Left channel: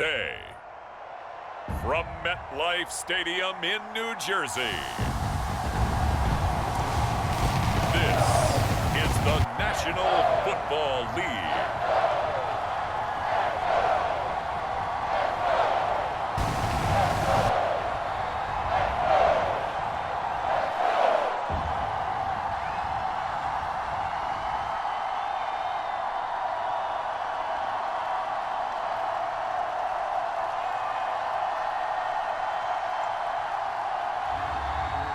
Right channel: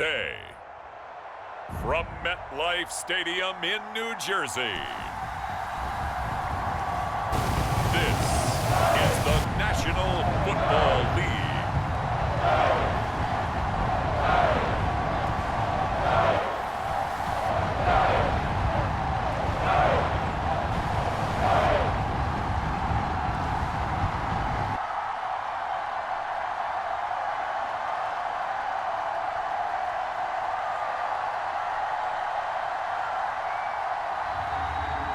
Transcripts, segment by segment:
today. From MetLife Stadium in New Jersey, this is the National Football League.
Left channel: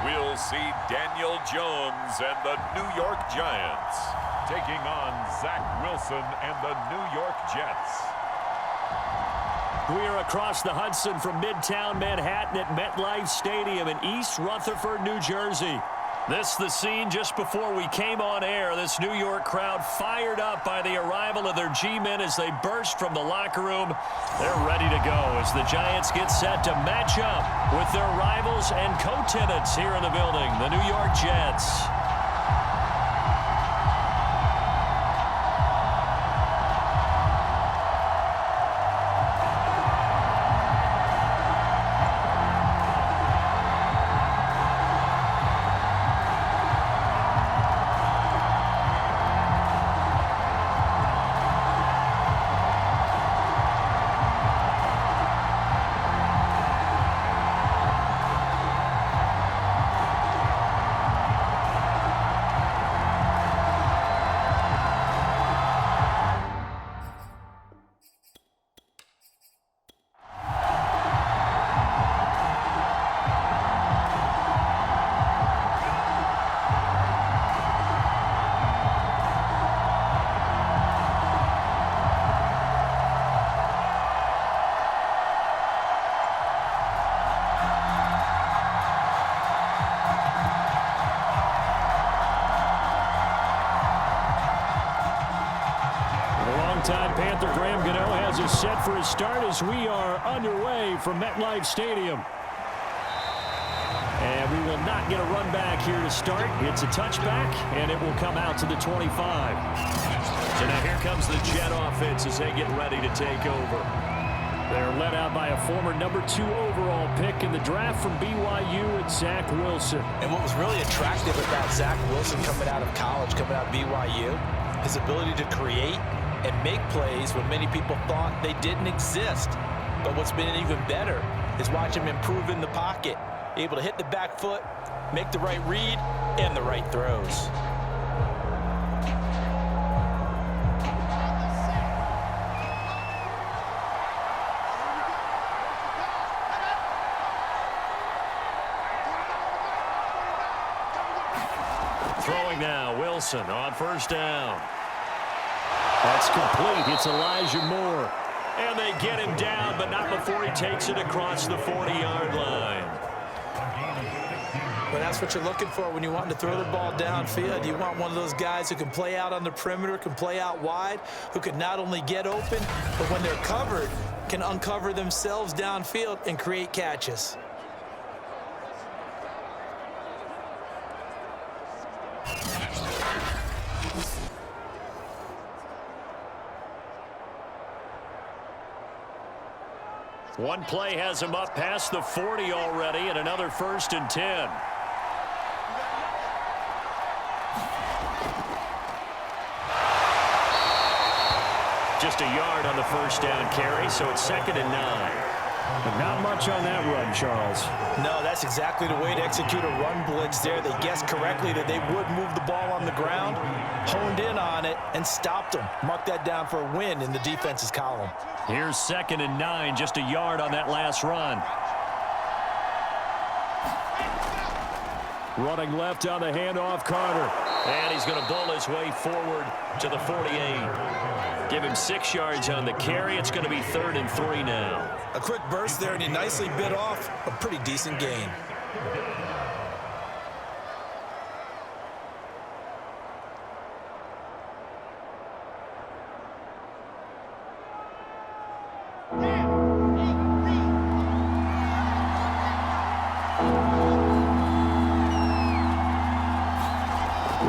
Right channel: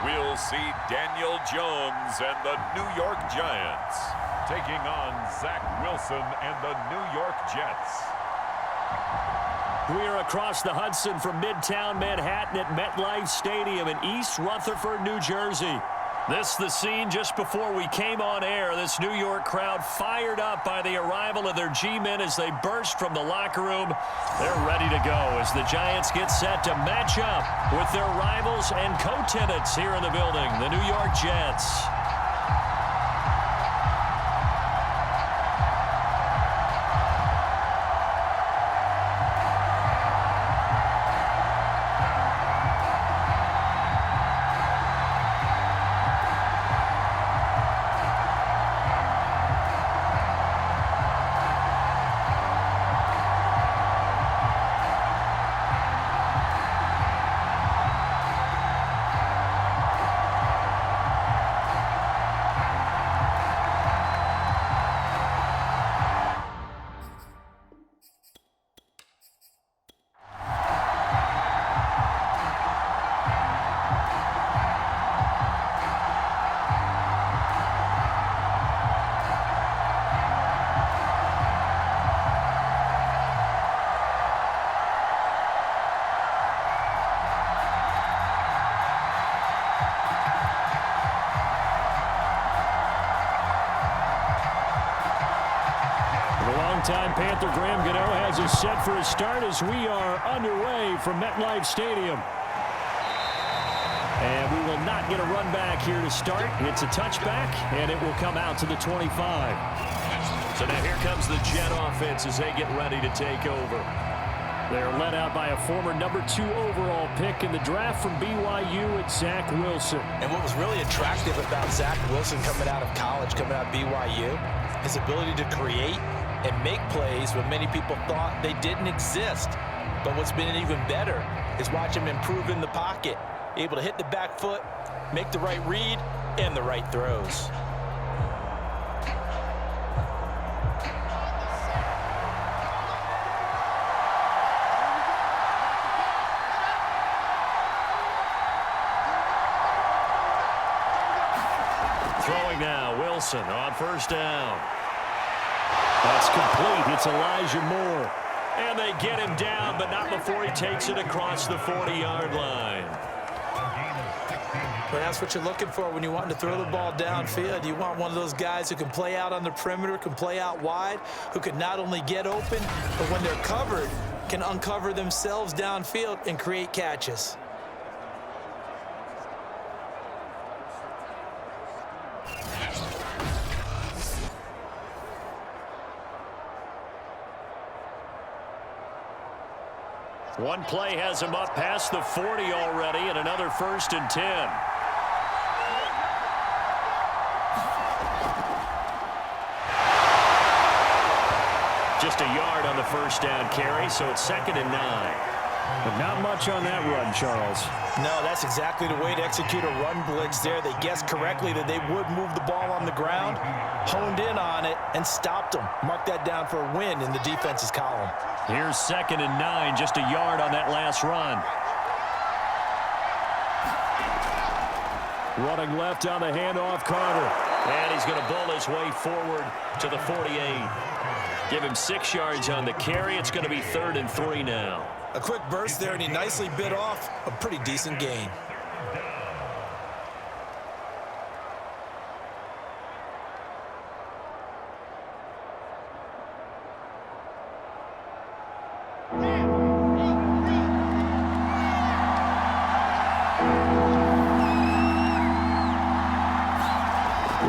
We'll see Daniel Jones and the New York Giants taking on Zach Wilson and the New York Jets. We are across the Hudson from Midtown Manhattan at MetLife Stadium in East Rutherford, New Jersey. This is the scene just before we came on air. This New York crowd fired up by the arrival of their G-men as they burst from the locker room. They're ready to go as the Giants get set to match up with their rivals and co-tenants here in the building, the New York Jets. Longtime Panther Graham Gano has us set for his start as we are underway from MetLife Stadium. And we will not get a run back here to start. It's a touchback, and it will come out to the 25. So now here comes the Jet offense as they get ready to take over. They're led out by a former #2 overall pick in the draft from BYU, it's Zach Wilson. And what was really attractive about Zach Wilson coming out of college, coming out of BYU, his ability to create and make plays when many people thought they didn't exist. But what's been even better is watch him improve in the pocket, able to hit the back foot, make the right read, and the right throws. Throwing now, Wilson on first down. That's complete. It's Elijah Moore. And they get him down, but not before he takes it across the 40-yard line. But that's what you're looking for when you want to throw the ball downfield. You want one of those guys who can play out on the perimeter, can play out wide, who can not only get open, but when they're covered, can uncover themselves downfield and create catches. One play has him up past the 40 already, and another 1st and 10. Just a yard on the first down carry, so it's 2nd and 9. But not much on that run, Charles. No, that's exactly the way to execute a run blitz there. They guessed correctly that they would move the ball on the ground, honed in on it, and stopped them. Mark that down for a win in the defense's column. Here's 2nd and 9, just a yard on that last run. Running left on the handoff, Carter. And he's going to bull his way forward to the 48. Give him 6 yards on the carry. It's going to be 3rd and 3 now. A quick burst there, and he nicely bit off a pretty decent gain.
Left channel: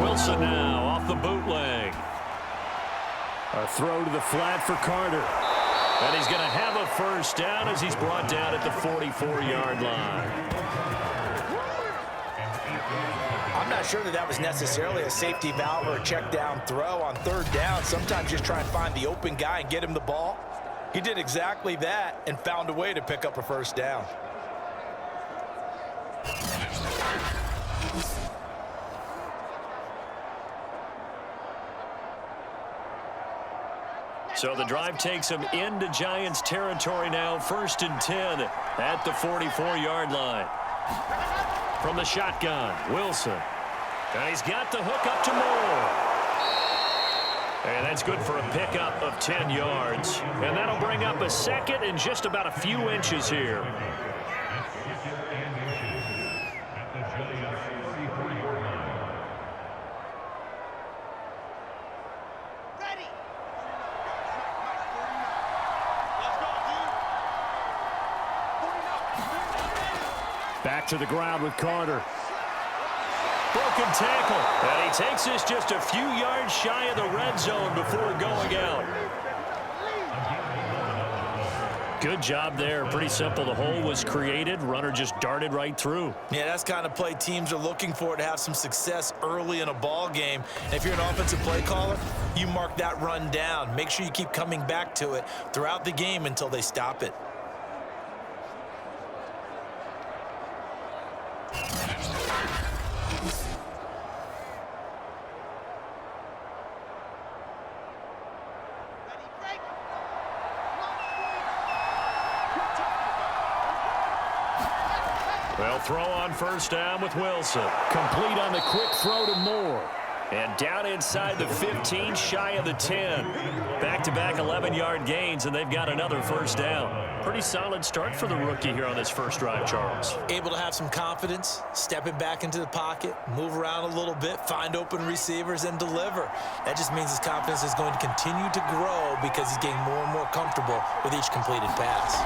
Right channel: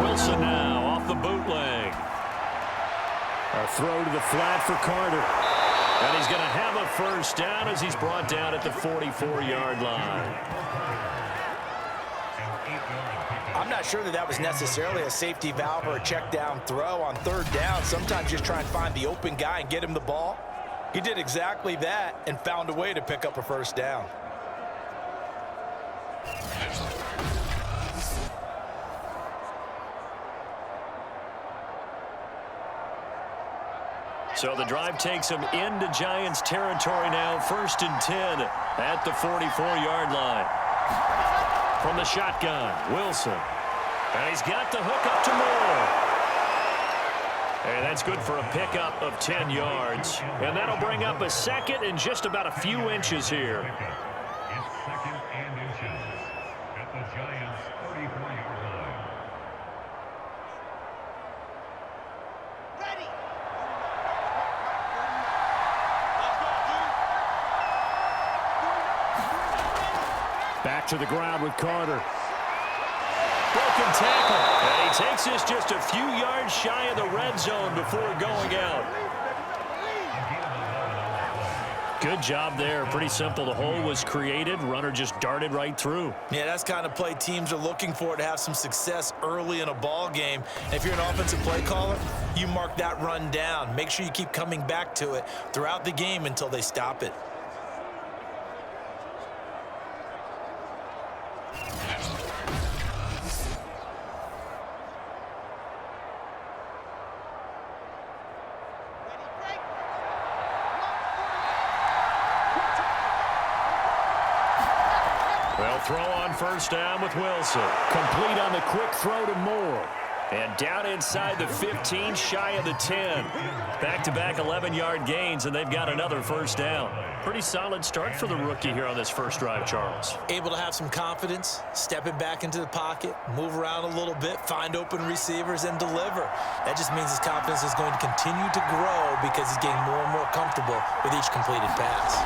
Wilson now off the bootleg. A throw to the flat for Carter. And he's going to have a first down as he's brought down at the 44-yard line. I'm not sure that was necessarily a safety valve or a check down throw on third down. Sometimes just try and find the open guy and get him the ball. He did exactly that and found a way to pick up a first down. So the drive takes him into Giants territory now, 1st and 10 at the 44-yard line. From the shotgun, Wilson. And he's got the hook up to Moore. And that's good for a pickup of 10 yards. And that'll bring up a second and just about a few inches here. It's 2nd and inches at the Giants' 34-yard line. Ready. Let's go, dude. Back to the ground with Carter. Broken tackle. And he takes this just a few yards shy of the red zone before going out. Good job there. Pretty simple. The hole was created. Runner just darted right through. Yeah, that's the kind of play teams are looking for to have some success early in a ball game. And if you're an offensive play caller, you mark that run down. Make sure you keep coming back to it throughout the game until they stop it. Well, throw on first down with Wilson. Complete on the quick throw to Moore. And down inside the 15, shy of the 10. Back-to-back 11-yard gains, and they've got another first down. Pretty solid start for the rookie here on this first drive, Charles. Able to have some confidence, stepping back into the pocket, move around a little bit, find open receivers, and deliver. That just means his confidence is going to continue to grow because he's getting more and more comfortable with each completed pass.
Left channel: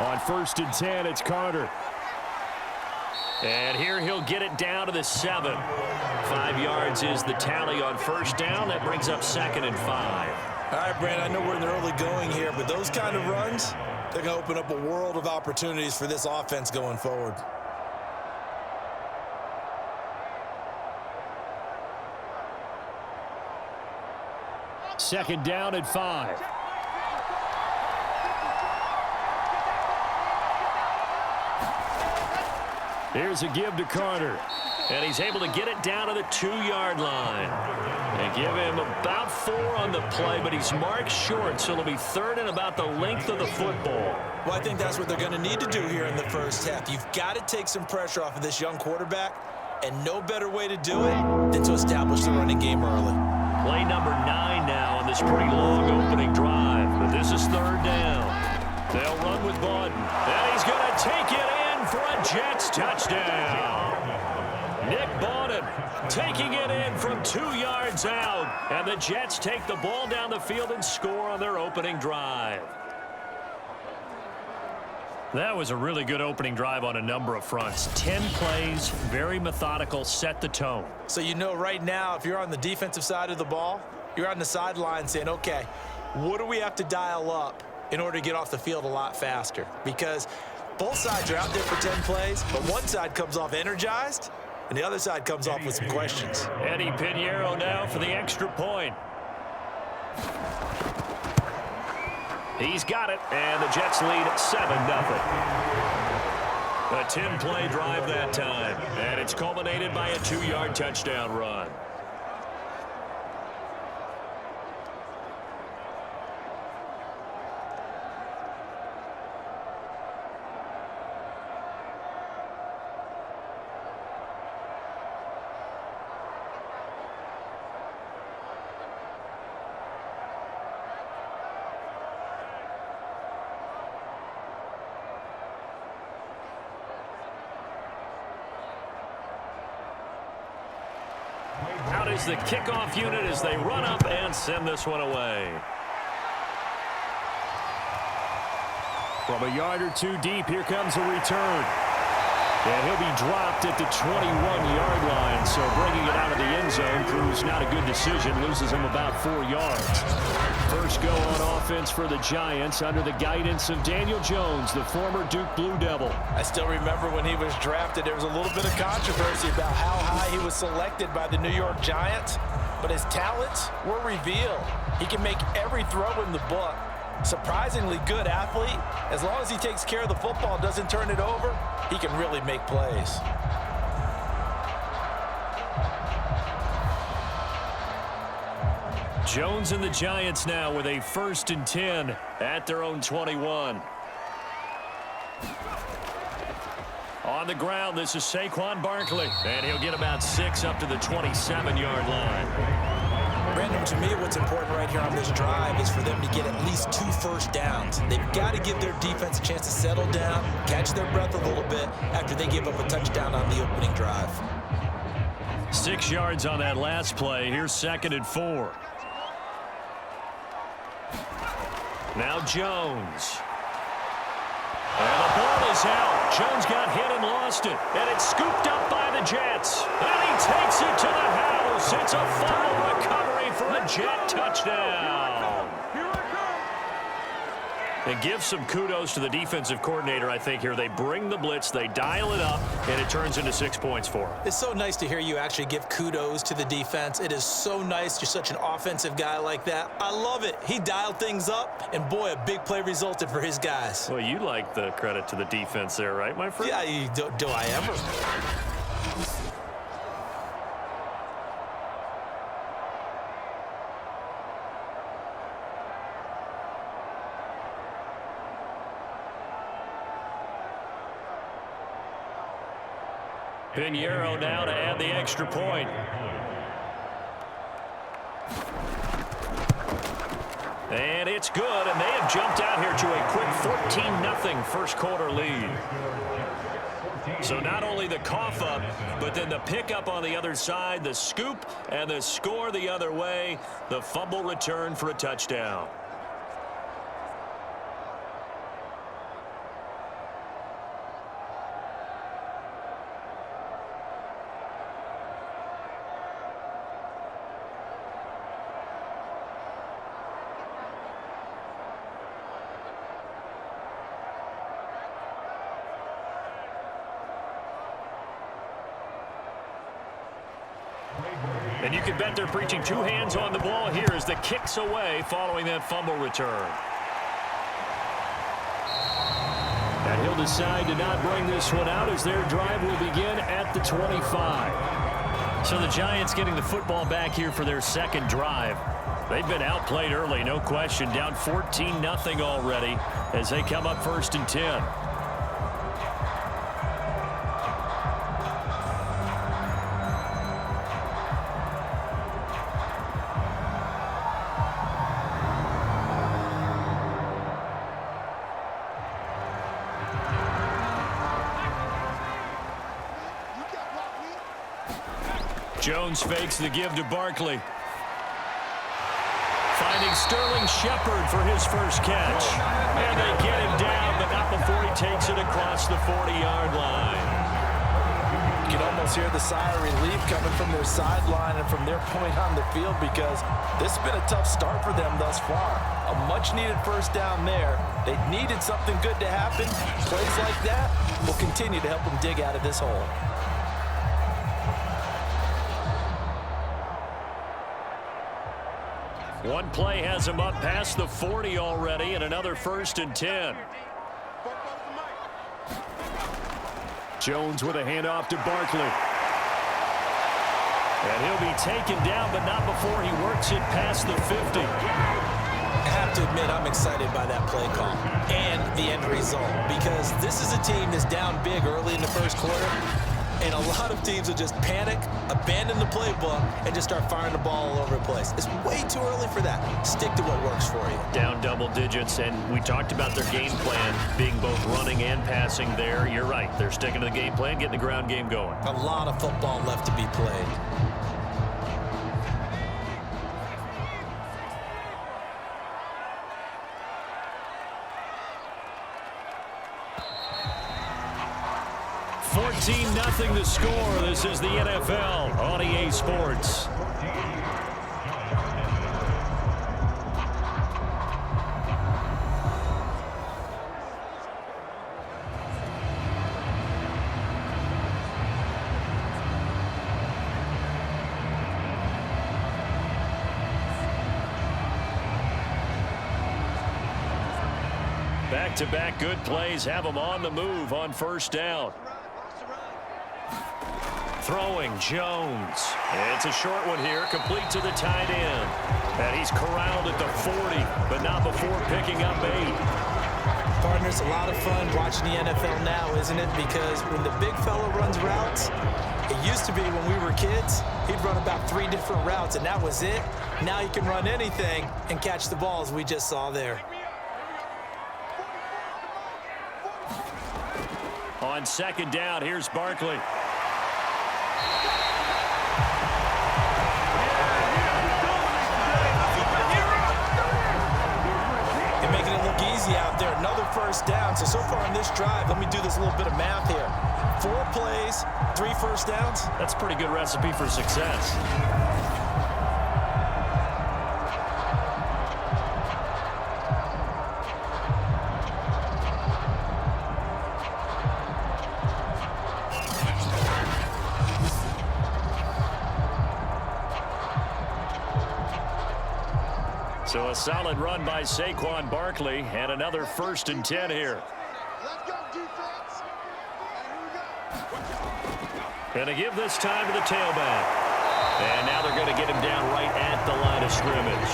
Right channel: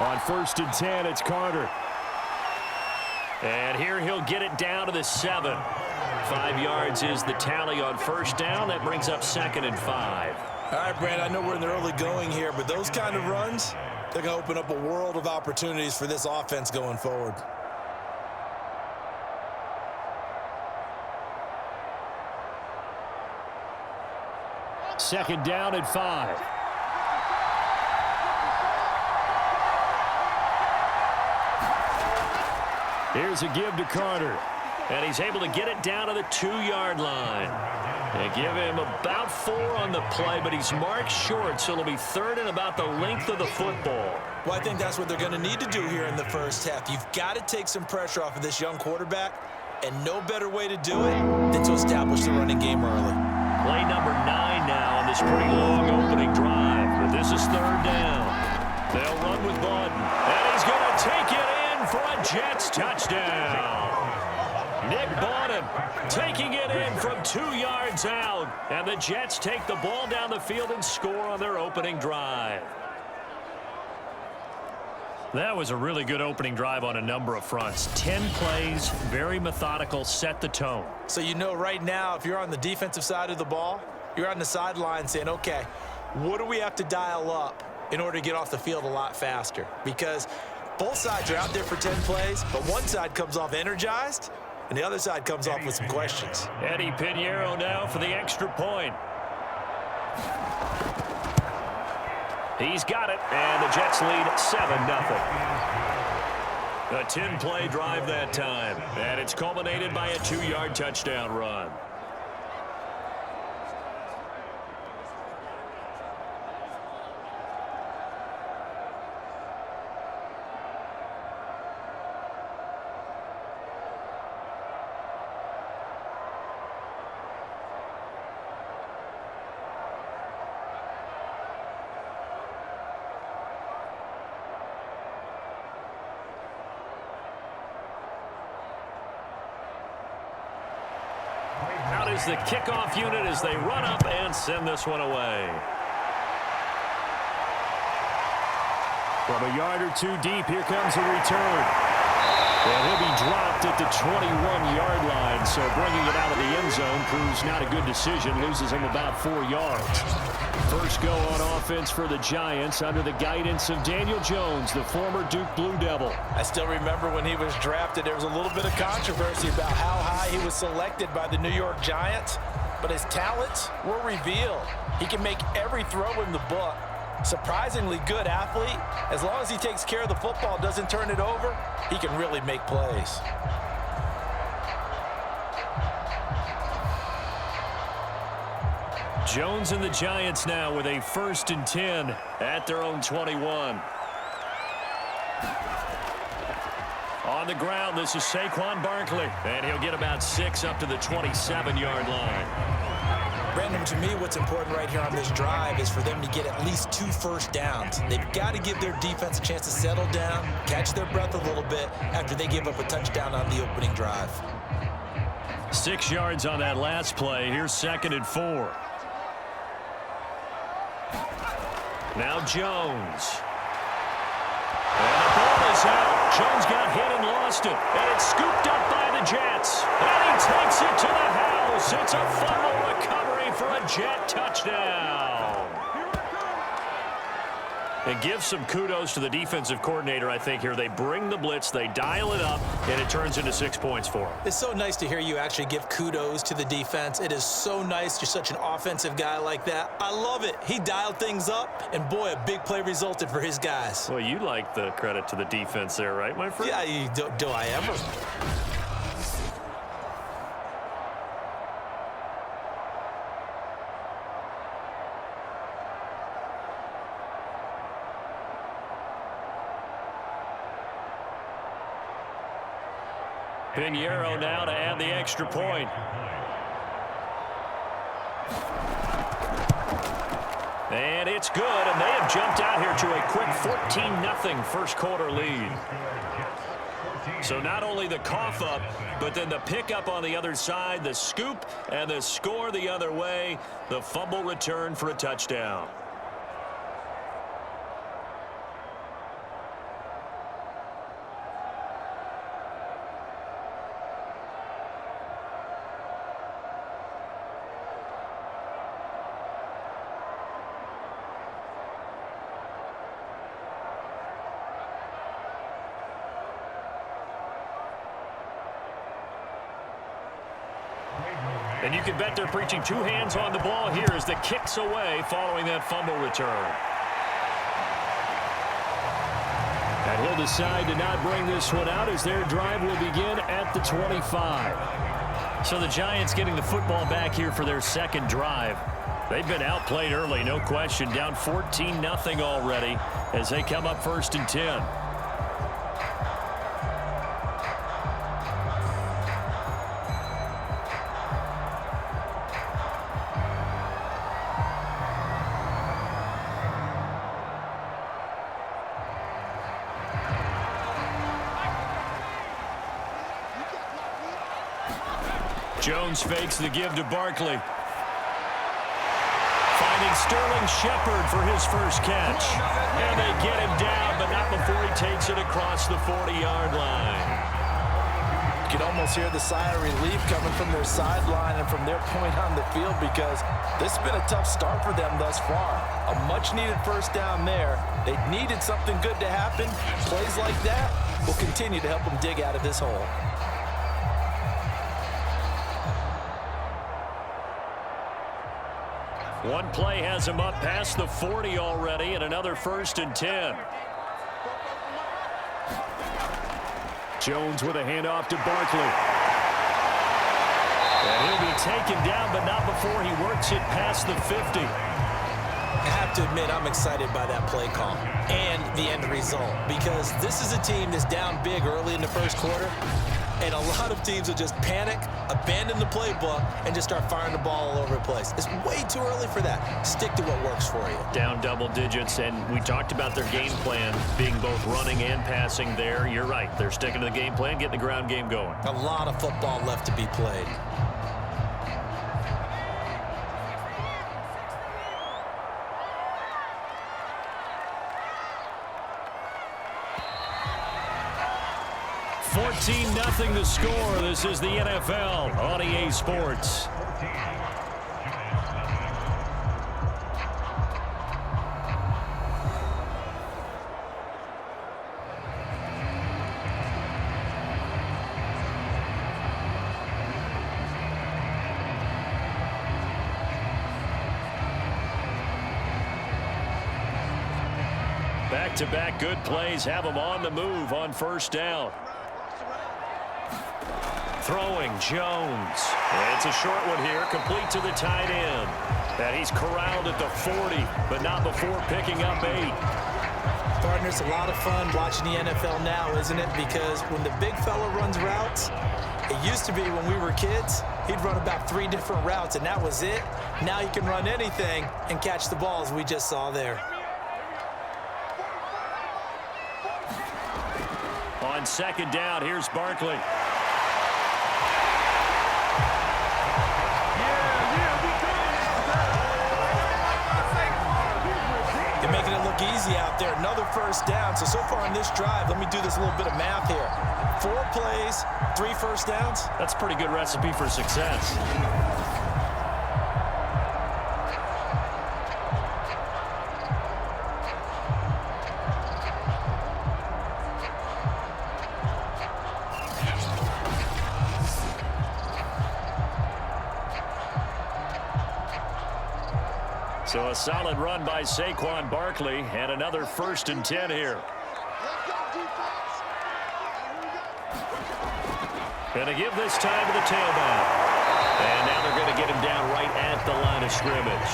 On 1st and 10, it's Carter. And here he'll get it down to the 7. 5 yards is the tally on first down. That brings up 2nd and 5. All right, Brand, I know we're in the early going here, but those kind of runs, they're going to open up a world of opportunities for this offense going forward. Second down at 5. Here's a give to Carter. And he's able to get it down to the 2-yard line. They give him about 4 on the play, but he's marked short, so it'll be 3rd and about the length of the football. Well, I think that's what they're going to need to do here in the first half. You've got to take some pressure off of this young quarterback, and no better way to do it than to establish the running game early. Play number 9 now on this pretty long opening drive, but this is 3rd down. They'll run with Bawden, and he's going to take it in for a Jets touchdown. Nick Bawden taking it in from 2 yards out, and the Jets take the ball down the field and score on their opening drive. That was a really good opening drive on a number of fronts. 10 plays, very methodical, set the tone. So you know right now, if you're on the defensive side of the ball, you're on the sideline saying, okay, what do we have to dial up in order to get off the field a lot faster? Because both sides are out there for 10 plays, but one side comes off energized, and the other side comes off with some questions. Eddie Pinheiro now for the extra point. He's got it, and the Jets lead 7-0. A 10-play drive that time, and it's culminated by a 2-yard touchdown run. Out is the kickoff unit as they run up and send this one away. From a yard or two deep, here comes a return. And he'll be dropped at the 21-yard line, so bringing it out of the end zone proves not a good decision, loses him about 4 yards. First go on offense for the Giants under the guidance of Daniel Jones, the former Duke Blue Devil. I still remember when he was drafted, there was a little bit of controversy about how high he was selected by the New York Giants, but his talents were revealed. He can make every throw in the book. Surprisingly good athlete. As long as he takes care of the football, doesn't turn it over, he can really make plays. Jones and the Giants now with a 1st and 10 at their own 21. On the ground, this is Saquon Barkley, and he'll get about 6 up to the 27-yard line. Brandon, to me, what's important right here on this drive is for them to get at least 2 first downs. They've got to give their defense a chance to settle down, catch their breath a little bit after they give up a touchdown on the opening drive. 6 yards on that last play. Here's 2nd and 4. Now Jones. And the ball is out. Jones got hit and lost it. And it's scooped up by the Jets. And he takes it to the house. It's a fumble recovery for a Jet touchdown. And give some kudos to the defensive coordinator, I think, here. They bring the blitz, they dial it up, and it turns into 6 points for them. It's so nice to hear you actually give kudos to the defense. It is so nice. You're such an offensive guy like that. I love it. He dialed things up, and boy, a big play resulted for his guys. Well, you like the credit to the defense there, right, my friend? Yeah, do I ever? Pinheiro now to add the extra point. And it's good, and they have jumped out here to a quick 14-0 first quarter lead. So not only the cough up, but then the pickup on the other side, the scoop, and the score the other way, the fumble return for a touchdown. And you can bet they're preaching 2 hands on the ball here as the kick's away following that fumble return. And he'll decide to not bring this one out as their drive will begin at the 25. So the Giants getting the football back here for their 2nd drive. They've been outplayed early, no question. Down 14-0 already as they come up 1st and 10. Jones fakes the give to Barkley. Finding Sterling Shepard for his first catch. And they get him down, but not before he takes it across the 40-yard line. You can almost hear the sigh of relief coming from their sideline and from their point on the field because this has been a tough start for them thus far. A much-needed first down there. They needed something good to happen. Plays like that will continue to help them dig out of this hole. One play has him up past the 40 already, and another 1st and 10. Jones with a handoff to Barkley. And he'll be taken down, but not before he works it past the 50. I have to admit, I'm excited by that play call and the end result because this is a team that's down big early in the first quarter, and a lot of teams will just panic, abandon the playbook, and just start firing the ball all over the place. It's way too early for that. Stick to what works for you. Down double digits, and we talked about their game plan being both running and passing there. You're right. They're sticking to the game plan, getting the ground game going. A lot of football left to be played. Nothing the score. This is the NFL on EA Sports. Back-to-back good plays have them on the move on first down. Throwing Jones. It's a short one here, complete to the tight end. And he's corralled at the 40, but not before picking up 8. Partners, a lot of fun watching the NFL now, isn't it? Because when the big fella runs routes, it used to be when we were kids, he'd run about 3 different routes, and that was it. Now he can run anything and catch the balls we just saw there. On second down, here's Barkley. They're making it look easy out there. Another first down. So far on this drive, let me do this little bit of math here. 4 plays, 3 first downs. That's a pretty good recipe for success. So a solid run by Saquon Barkley and another 1st and 10 here. Let's go, defense. Going to give this time to the tailback. And now they're going to get him down right at the line of scrimmage.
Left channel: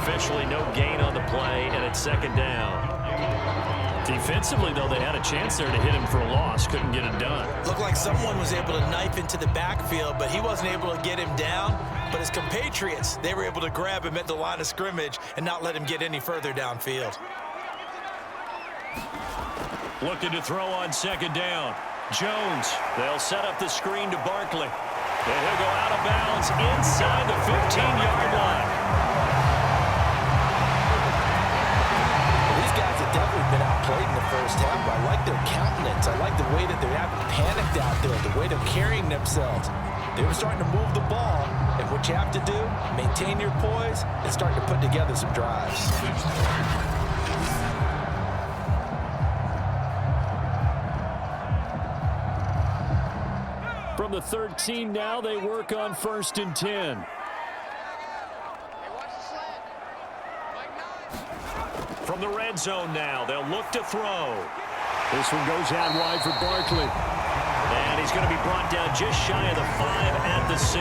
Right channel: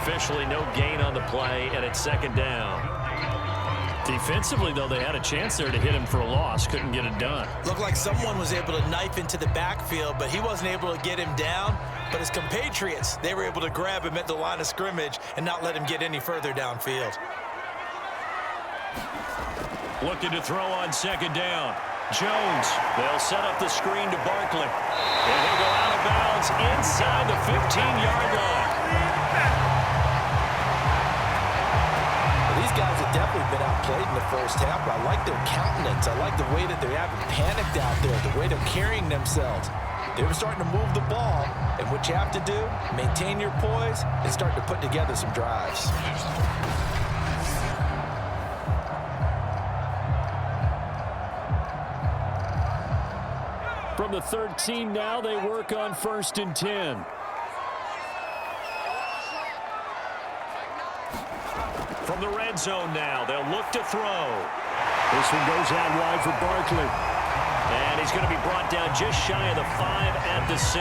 Officially no gain on the play, and it's 2nd down. Defensively, though, they had a chance there to hit him for a loss. Couldn't get it done. Looked like someone was able to knife into the backfield, but he wasn't able to get him down. But his compatriots, they were able to grab him at the line of scrimmage and not let him get any further downfield. Looking to throw on 2nd down. Jones, they'll set up the screen to Barkley. And he'll go out of bounds inside the 15-yard line. These guys have definitely been outplayed in the first half, but I like their countenance. I like the way that they haven't panicked out there, the way they're carrying themselves. They were starting to move the ball, and what you have to do, maintain your poise and start to put together some drives. From the 13 now, they work on 1st and 10. From the red zone now, they'll look to throw. This one goes out wide for Barkley. And he's going to be brought down just shy of the 5 at the 6.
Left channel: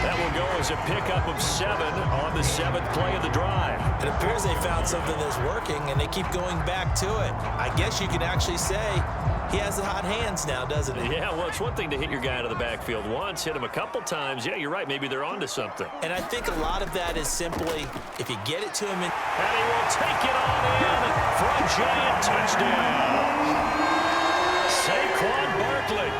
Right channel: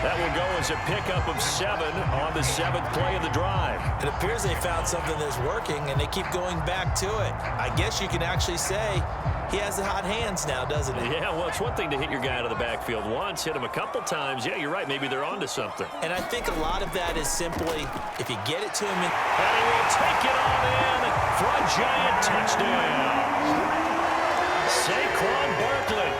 That will go as a pickup of 7 on the 7th play of the drive. It appears they found something that's working, and they keep going back to it. I guess you can actually say he has the hot hands now, doesn't he? Yeah, well, it's one thing to hit your guy out of the backfield once, hit him a couple times. Yeah, you're right. Maybe they're onto something. And I think a lot of that is simply if you get it to him. And he will take it on in for a giant touchdown. Saquon Barkley,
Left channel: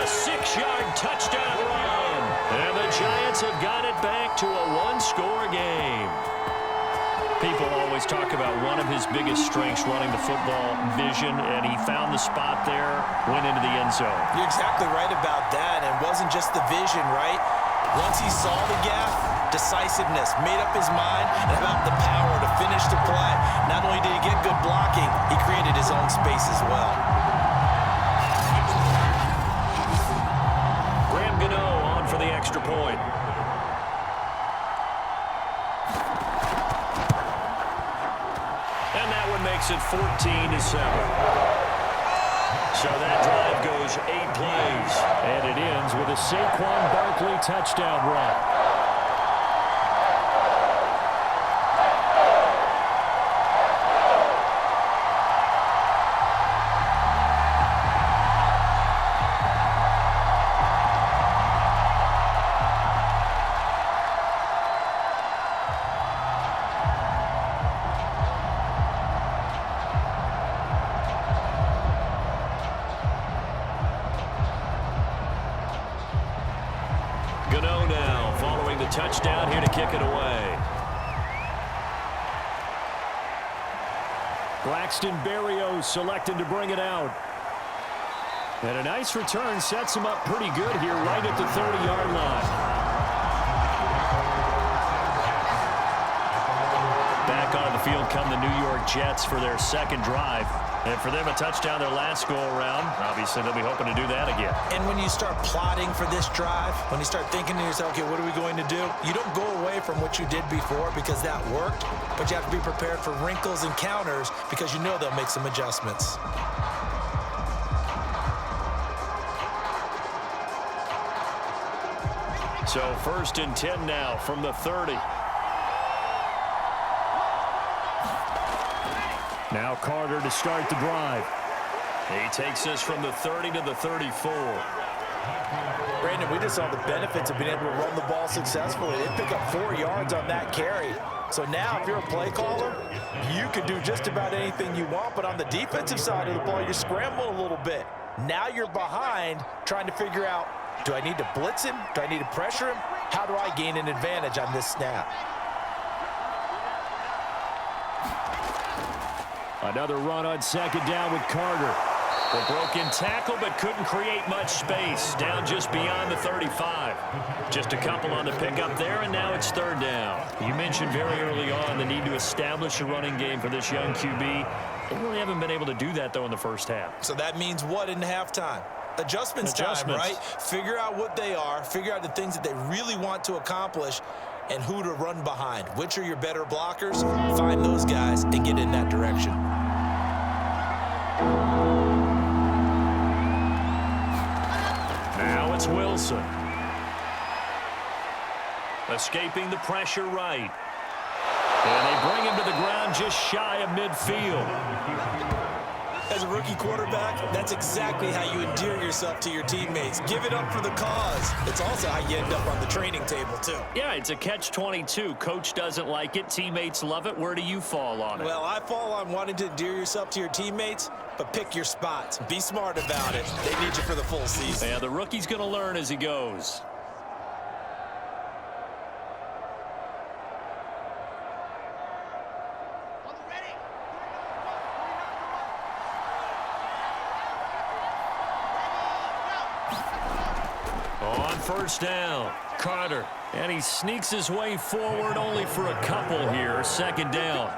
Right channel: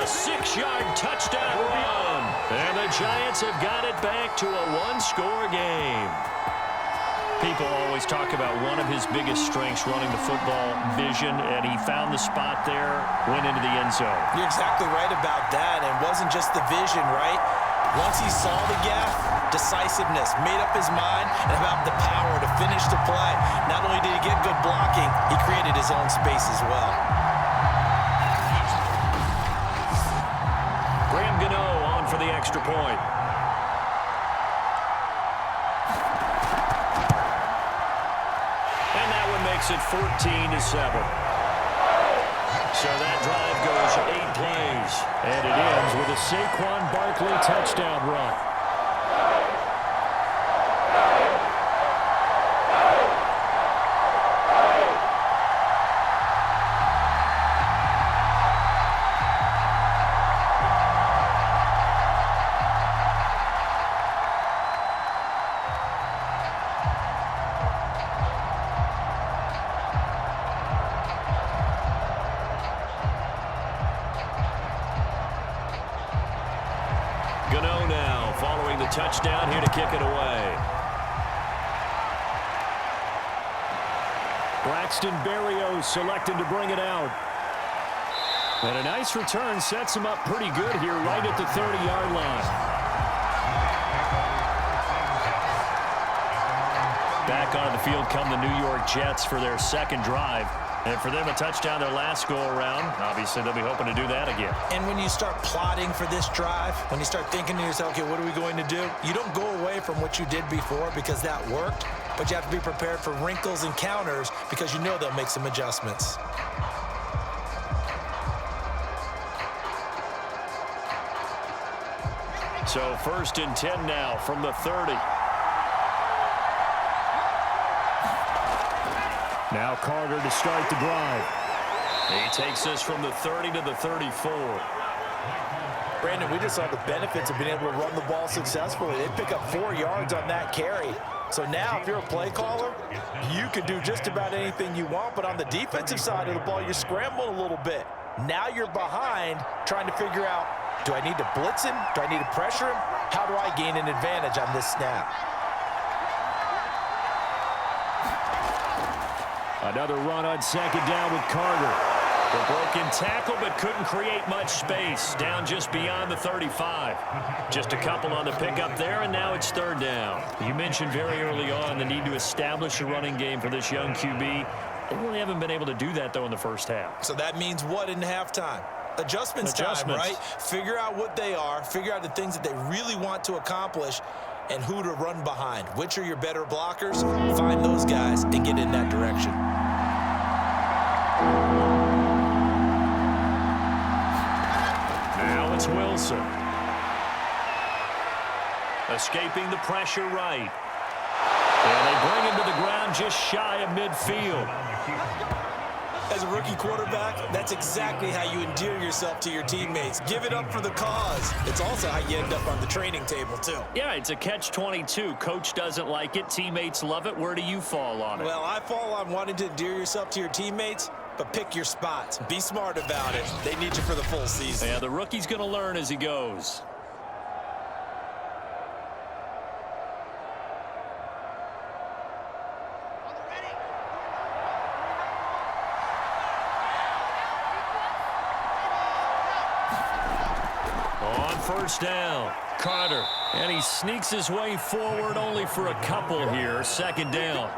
a 6-yard touchdown run. And the Giants have got it back to a 1-score game. People always talk about one of his biggest strengths running the football, vision, and he found the spot there, went into the end zone. You're exactly right about that, and it wasn't just the vision, right? Once he saw the gap, decisiveness, made up his mind, and about the power to finish the play. Not only did he get good blocking, he created his own space as well. Graham Gano on for the extra point. And that one makes it 14-7. So that drive goes 8 plays. And it ends with a Saquon Barkley touchdown run. Gano now following the touchdown here to kick it away. Braxton Berrios selected to bring it out. And a nice return sets him up pretty good here right at the 30-yard line. Back onto the field come the New York Jets for their second drive. And for them, a touchdown their last go-around. Obviously, they'll be hoping to do that again. And when you start plotting for this drive, when you start thinking to yourself, okay, what are we going to do? You don't go away from what you did before because that worked, but you have to be prepared for wrinkles and counters because you know they'll make some adjustments. So 1st and 10 now from the 30. Now Carter to start the drive. He takes us from the 30 to the 34. Brandon, we just saw the benefits of being able to run the ball successfully. They pick up 4 yards on that carry. So now if you're a play caller, you can do just about anything you want, but on the defensive side of the ball, you're scrambling a little bit. Now you're behind trying to figure out, do I need to blitz him? Do I need to pressure him? How do I gain an advantage on this snap? Another run on 2nd down with Carter. The broken tackle, but couldn't create much space. Down just beyond the 35. Just a couple on the pickup there, and now it's 3rd down. You mentioned very early on the need to establish a running game for this young QB. They really haven't been able to do that, though, in the first half. So that means what in halftime? Adjustments time, right? Figure out what they are, figure out the things that they really want to accomplish, and who to run behind. Which are your better blockers? Find those guys and get in that direction. Now it's Wilson. Escaping the pressure right. And they bring him to the ground just shy of midfield. As a rookie quarterback, that's exactly how you endear yourself to your teammates. Give it up for the cause. It's also how you end up on the training table, too. Yeah, it's a catch-22. Coach doesn't like it. Teammates love it. Where do you fall on it? Well, I fall on wanting to endear yourself to your teammates, but pick your spots. Be smart about it. They need you for the full season. Yeah, the rookie's going to learn as he goes. On 1st down, Carter. And he sneaks his way forward only for a couple here. 2nd down.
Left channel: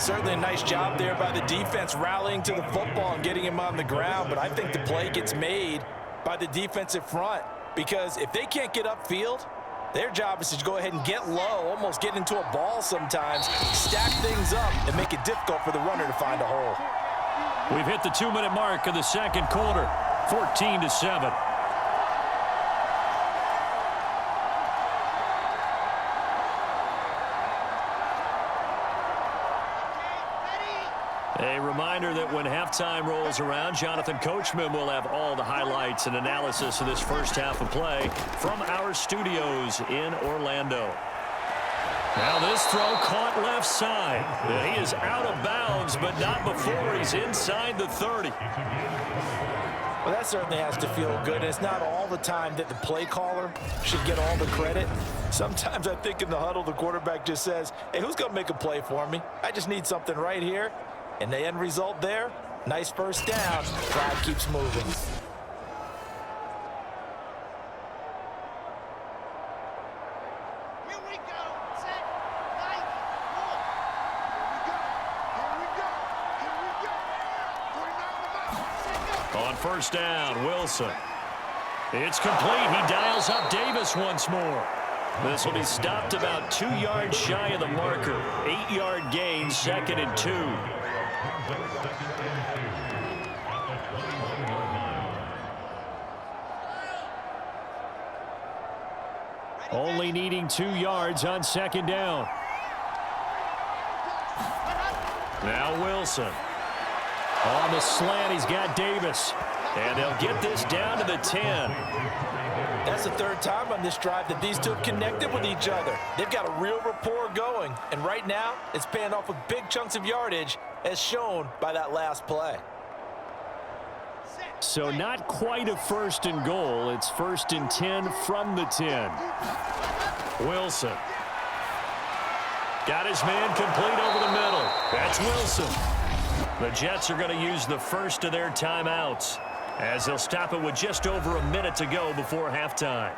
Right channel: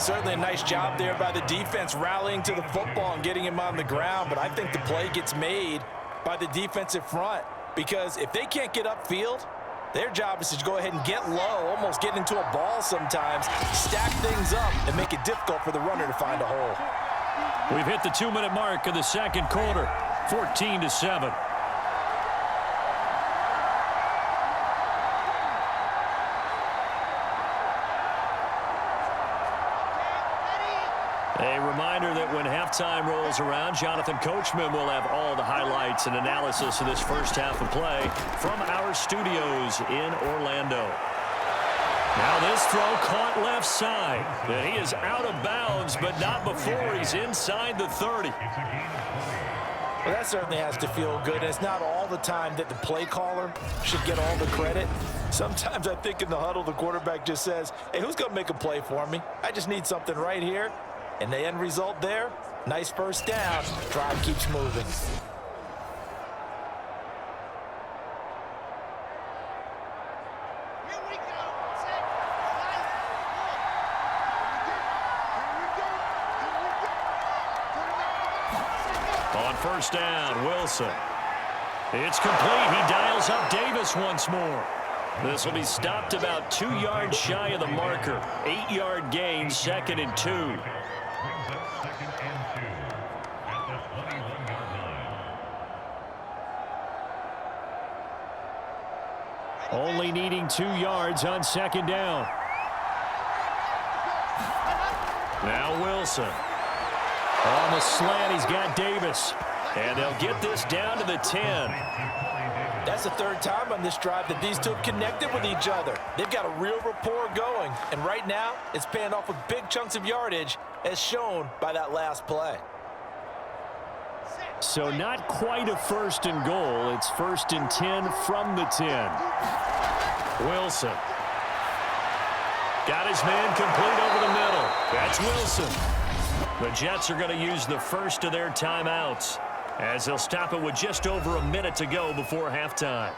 Certainly a nice job there by the defense rallying to the football and getting him on the ground, but I think the play gets made by the defensive front because if they can't get upfield, their job is to go ahead and get low, almost get into a ball sometimes, stack things up, and make it difficult for the runner to find a hole. We've hit the 2-minute mark of the 2nd quarter, 14-7. A reminder that when halftime rolls around, Jonathan Coachman will have all the highlights and analysis of this first half of play from our studios in Orlando. Now this throw caught left side. And he is out of bounds, but not before he's inside the 30. Well, that certainly has to feel good. And it's not all the time that the play caller should get all the credit. Sometimes I think in the huddle, the quarterback just says, hey, who's going to make a play for me? I just need something right here. And the end result there, nice 1st down. Drive keeps moving. Here we go. Set. Nice. One. Here we go. Here we go. 49 to 9. On 1st down, Wilson. It's complete. He dials up Davis once more. This will be stopped about 2 yards shy of the marker. 8-yard gain, 2nd and 2. Only needing 2 yards on 2nd down. Now Wilson. On the slant, he's got Davis. And they'll get this down to the 10. That's the 3rd time on this drive that these two have connected with each other. They've got a real rapport going. And right now, it's paying off with big chunks of yardage, as shown by that last play. So not quite a 1st and goal. It's 1st and 10 from the 10. Wilson. Got his man complete over the middle. That's Wilson. The Jets are going to use the first of their timeouts as they'll stop it with just over a minute to go before halftime.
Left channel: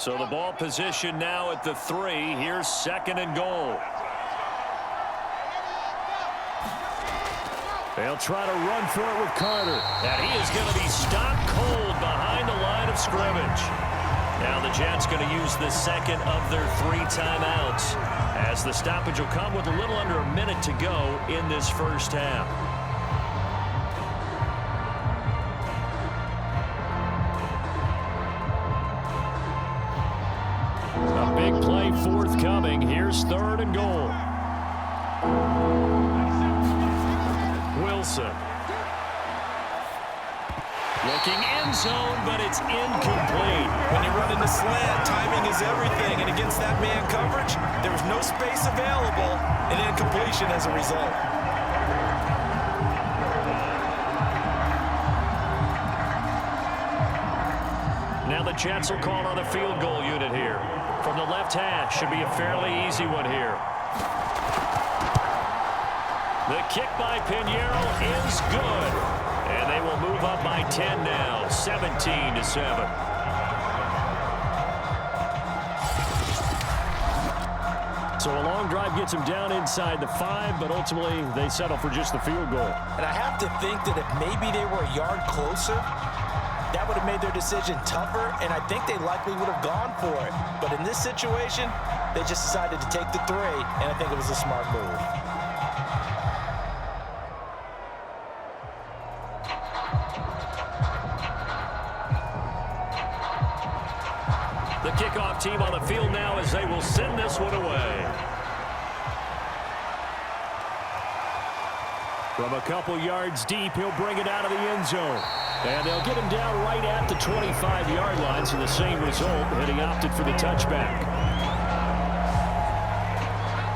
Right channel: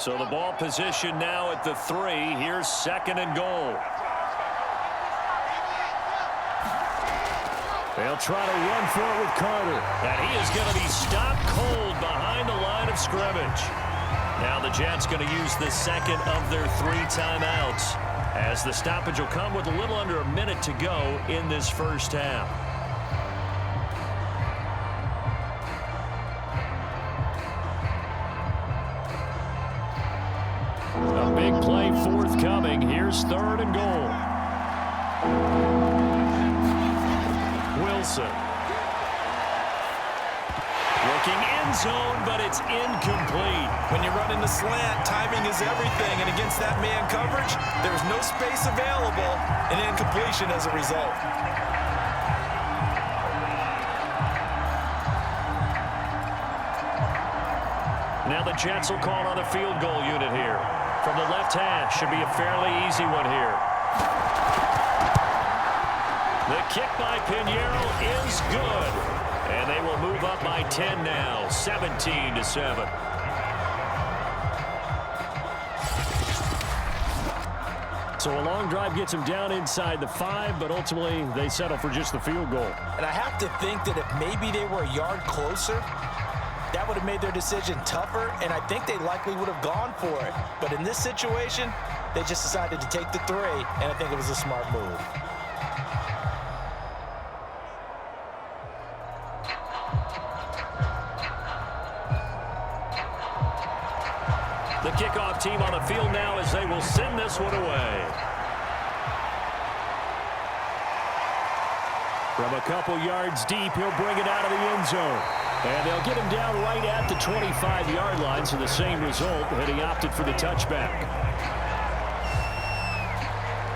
So the ball position now at the 3. Here's 2nd and goal. They'll try to run for it with Carter. And he is going to be stopped cold behind the line of scrimmage. Now the Jets going to use the 2nd of their 3 timeouts, as the stoppage will come with a little under a minute to go in this first half. A big play forthcoming. Here's 3rd and goal. Wilson. Looking end zone, but it's incomplete. When you run in the slant, timing is everything, and against that man coverage, there was no space available, and incompletion as a result. Now the Jets will call on a field goal unit here. From the left hash, should be a fairly easy one here. The kick by Pinheiro is good. And they will move up by 10 now, 17-7. So a long drive gets them down inside the 5, but ultimately they settle for just the field goal. And I have to think that if maybe they were a yard closer, that would have made their decision tougher, and I think they likely would have gone for it. But in this situation, they just decided to take the 3, and I think it was a smart move. The kickoff team on the field now as they will send this one away. From a couple yards deep, he'll bring it out of the end zone. And they'll get him down right at the 25-yard line, so the same result, and he opted for the touchback.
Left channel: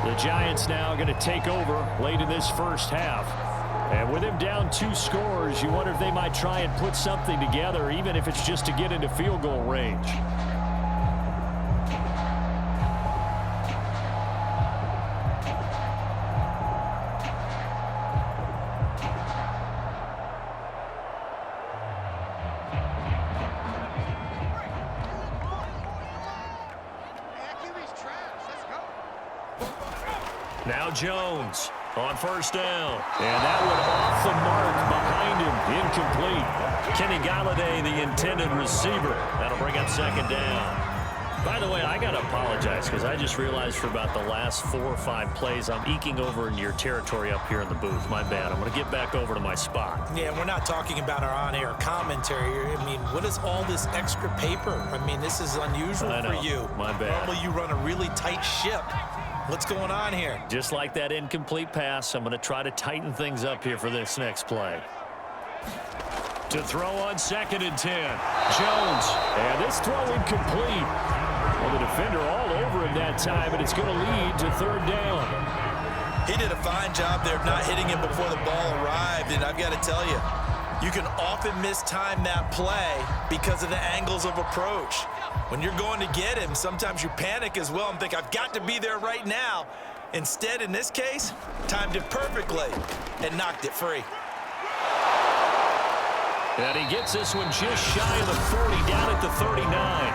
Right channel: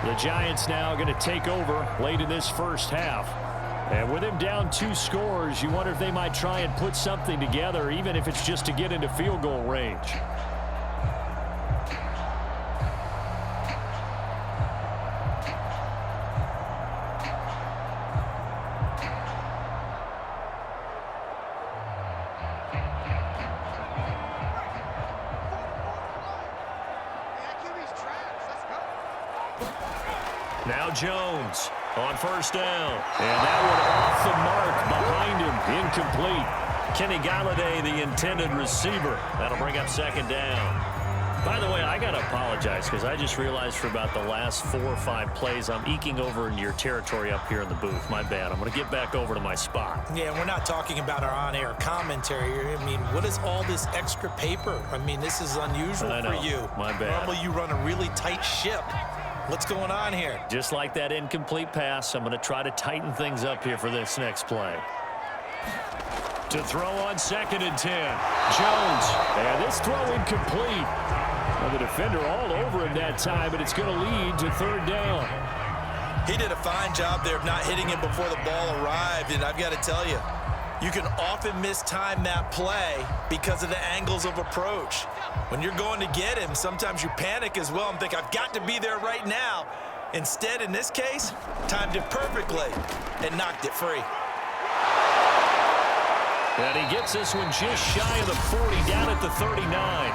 The Giants now going to take over late in this first half. And with him down 2 scores, you wonder if they might try and put something together, even if it's just to get into field goal range. Now Jones on first down. And that one off the mark behind him. Incomplete. Kenny Galladay, the intended receiver. That'll bring up 2nd down. By the way, I got to apologize because I just realized for about the last 4 or 5 plays, I'm eking over into your territory up here in the booth. My bad. I'm going to get back over to my spot. Yeah, we're not talking about our on-air commentary. I mean, what is all this extra paper? I mean, this is unusual for you. My bad. Normally you run a really tight ship. What's going on here? Just like that incomplete pass, I'm going to try to tighten things up here for this next play. To throw on 2nd and 10. Jones. And this throw incomplete. Well, the defender all over him that time, but it's going to lead to 3rd down. He did a fine job there of not hitting him before the ball arrived, and I've got to tell you, you can often mistime that play because of the angles of approach. When you're going to get him, sometimes you panic as well and think, I've got to be there right now. Instead, in this case, timed it perfectly and knocked it free. And he gets this one just shy of the 40, down at the 39.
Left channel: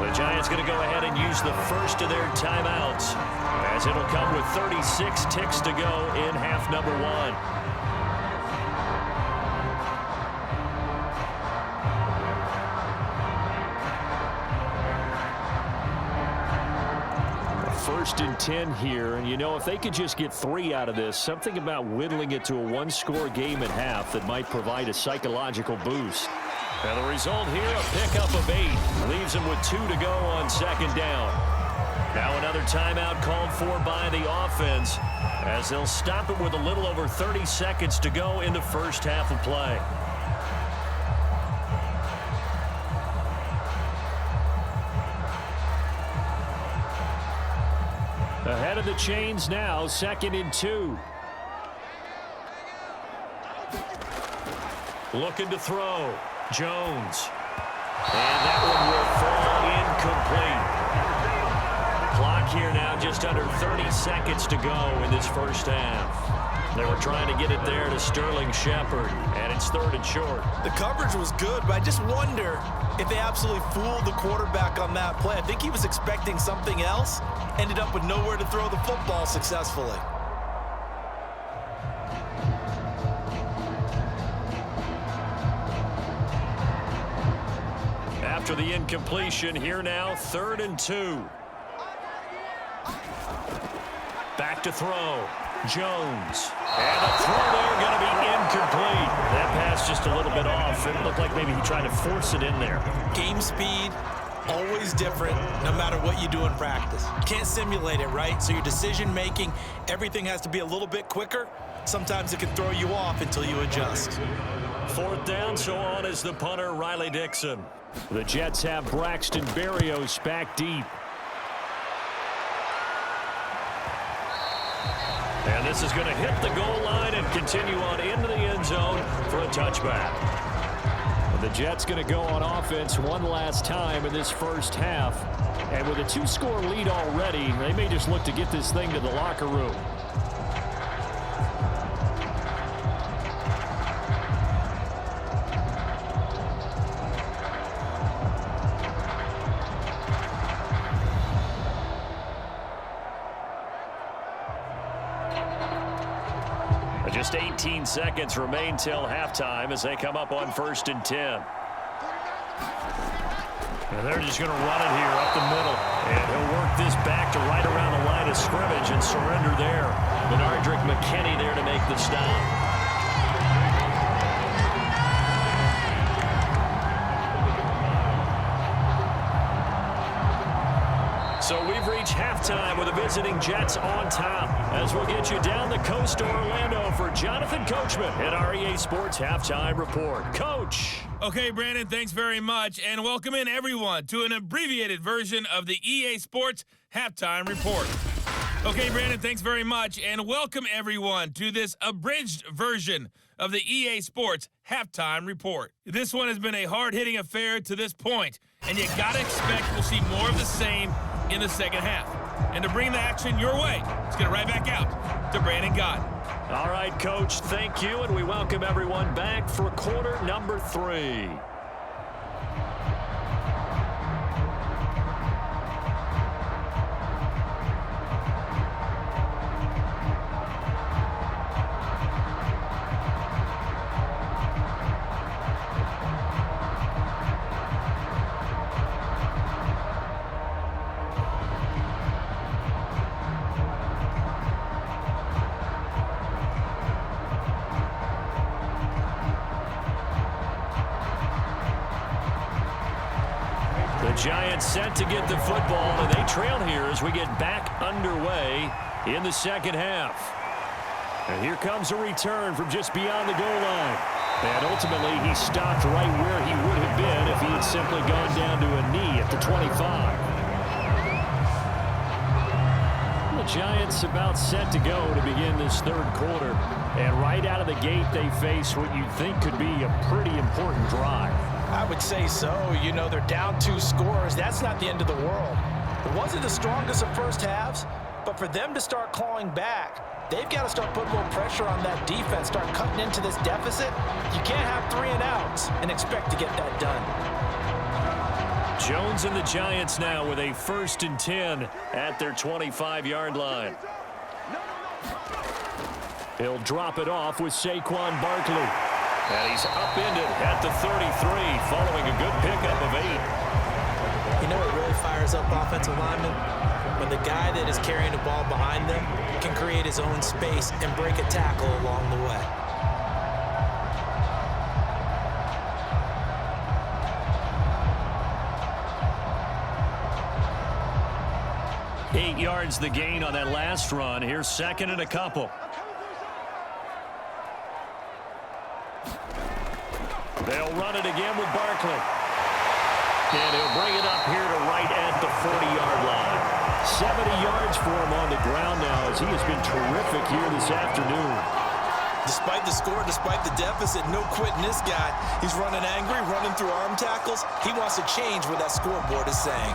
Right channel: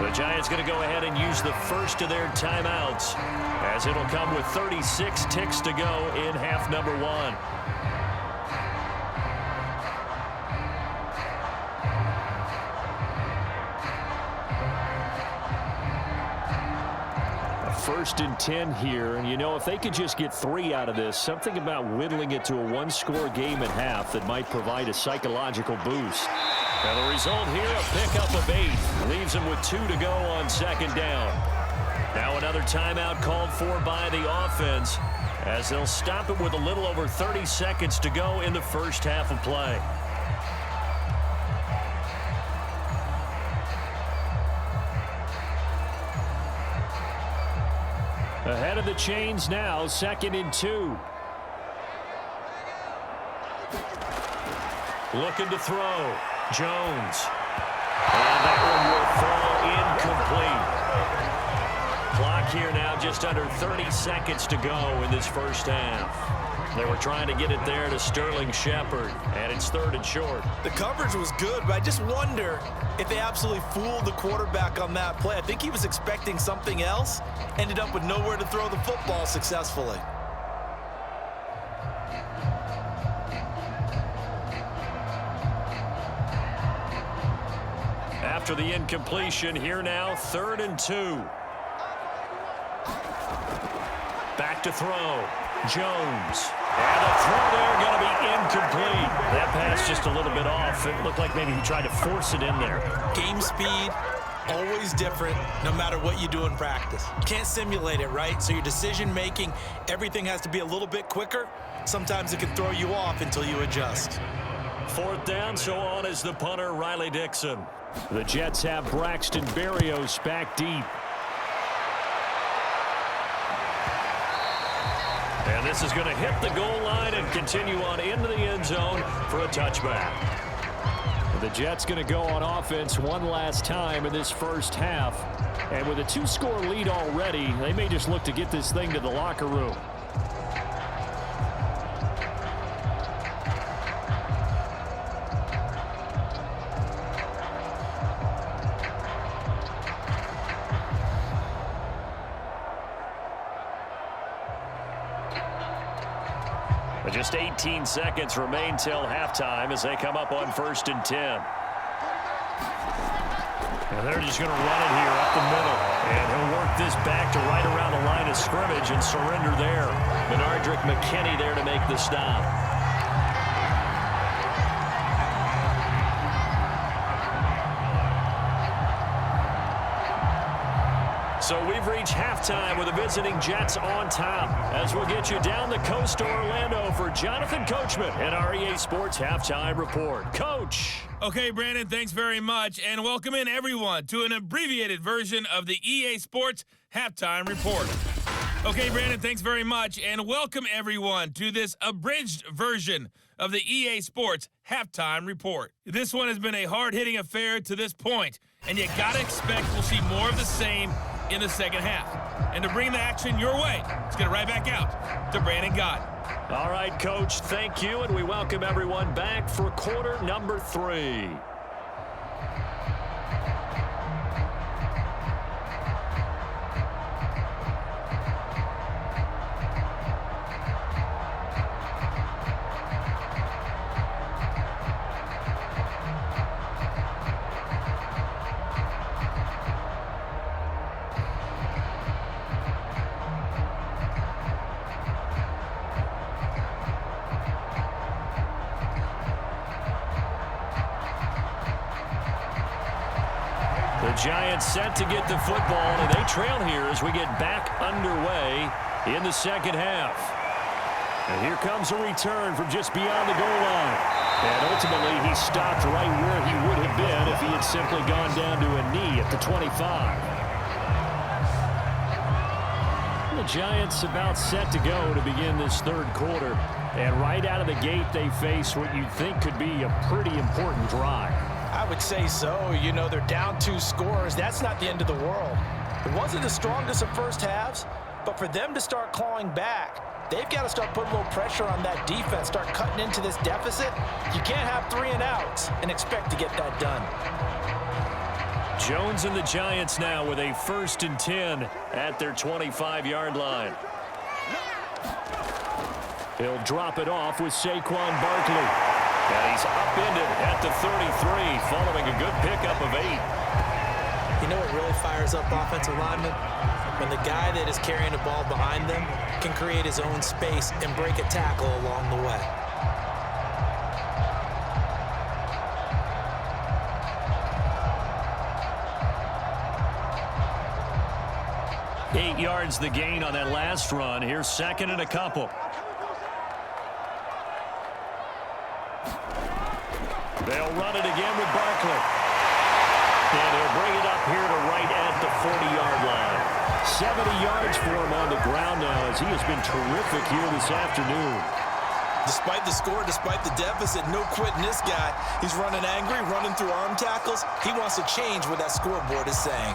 The Giants going to go ahead and use the first of their timeouts, as it'll come with 36 ticks to go in half number 1. First and 10 here, and you know, if they could just get 3 out of this, something about whittling it to a 1-score game at half that might provide a psychological boost. And the result here, a pickup of 8. Leaves them with 2 to go on 2nd down. Now another timeout called for by the offense, as they'll stop it with a little over 30 seconds to go in the first half of play. Ahead of the chains now, 2nd and 2. Looking to throw. Jones. And that one will fall incomplete. Clock here now just under 30 seconds to go in this first half. They were trying to get it there to Sterling Shepard, and it's 3rd and short. The coverage was good, but I just wonder if they absolutely fooled the quarterback on that play. I think he was expecting something else, ended up with nowhere to throw the football successfully. After the incompletion, here now, 3rd and 2. Back to throw. Jones. And the throw there going to be incomplete. That pass just a little bit off. It looked like maybe he tried to force it in there. Game speed, always different, no matter what you do in practice. You can't simulate it, right? So your decision making, everything has to be a little bit quicker. Sometimes it can throw you off until you adjust. 4th down, so on is the punter, Riley Dixon. The Jets have Braxton Berrios back deep. And this is going to hit the goal line and continue on into the end zone for a touchback. The Jets going to go on offense one last time in this first half. And with a 2-score lead already, they may just look to get this thing to the locker room. Just 18 seconds remain till halftime as they come up on 1st and 10. And they're just going to run it here up the middle. And he'll work this back to right around the line of scrimmage and surrender there. Benardrick McKinney there to make the stop. So we've reached halftime with the visiting Jets on top. As we'll get you down the coast to Orlando for Jonathan Coachman at our EA Sports Halftime Report. Coach. Okay, Brandon, thanks very much. And welcome in, everyone, to an abbreviated version of the EA Sports Halftime Report. Okay, Brandon, thanks very much. And welcome, everyone, to this abridged version of the EA Sports Halftime Report. This one has been a hard-hitting affair to this point, and you got to expect we'll see more of the same in the second half. And to bring the action your way, let's get it right back out to Brandon Gott. All right, Coach, thank you, and we welcome everyone back for quarter number 3. The Giants set to get the football, and they trail here as we get back underway in the second half. And here comes a return from just beyond the goal line. And ultimately, he stopped right where he would have been if he had simply gone down to a knee at the 25. The Giants about set to go to begin this third quarter. And right out of the gate, they face what you'd think could be a pretty important drive. I would say so. You know, they're down 2 scores. That's not the end of the world. It wasn't the strongest of first halves, but for them to start clawing back, they've got to start putting a little pressure on that defense, start cutting into this deficit. You can't have 3 and outs and expect to get that done. Jones and the Giants now with a 1st and 10 at their 25-yard line. He'll drop it off with Saquon Barkley. And he's upended at the 33 following a good pickup of 8. You know what really fires up offensive linemen? When the guy that is carrying the ball behind them can create his own space and break a tackle along the way. Eight yards the gain on that last run. Here's 2nd and a couple. They'll run it again with Barkley. And he'll bring it up here to right at the 40-yard line. 70 yards for him on the ground now as he has been terrific here this afternoon. Despite the score, despite the deficit, no quitting this guy. He's running angry, running through arm tackles. He wants to change what that scoreboard is saying.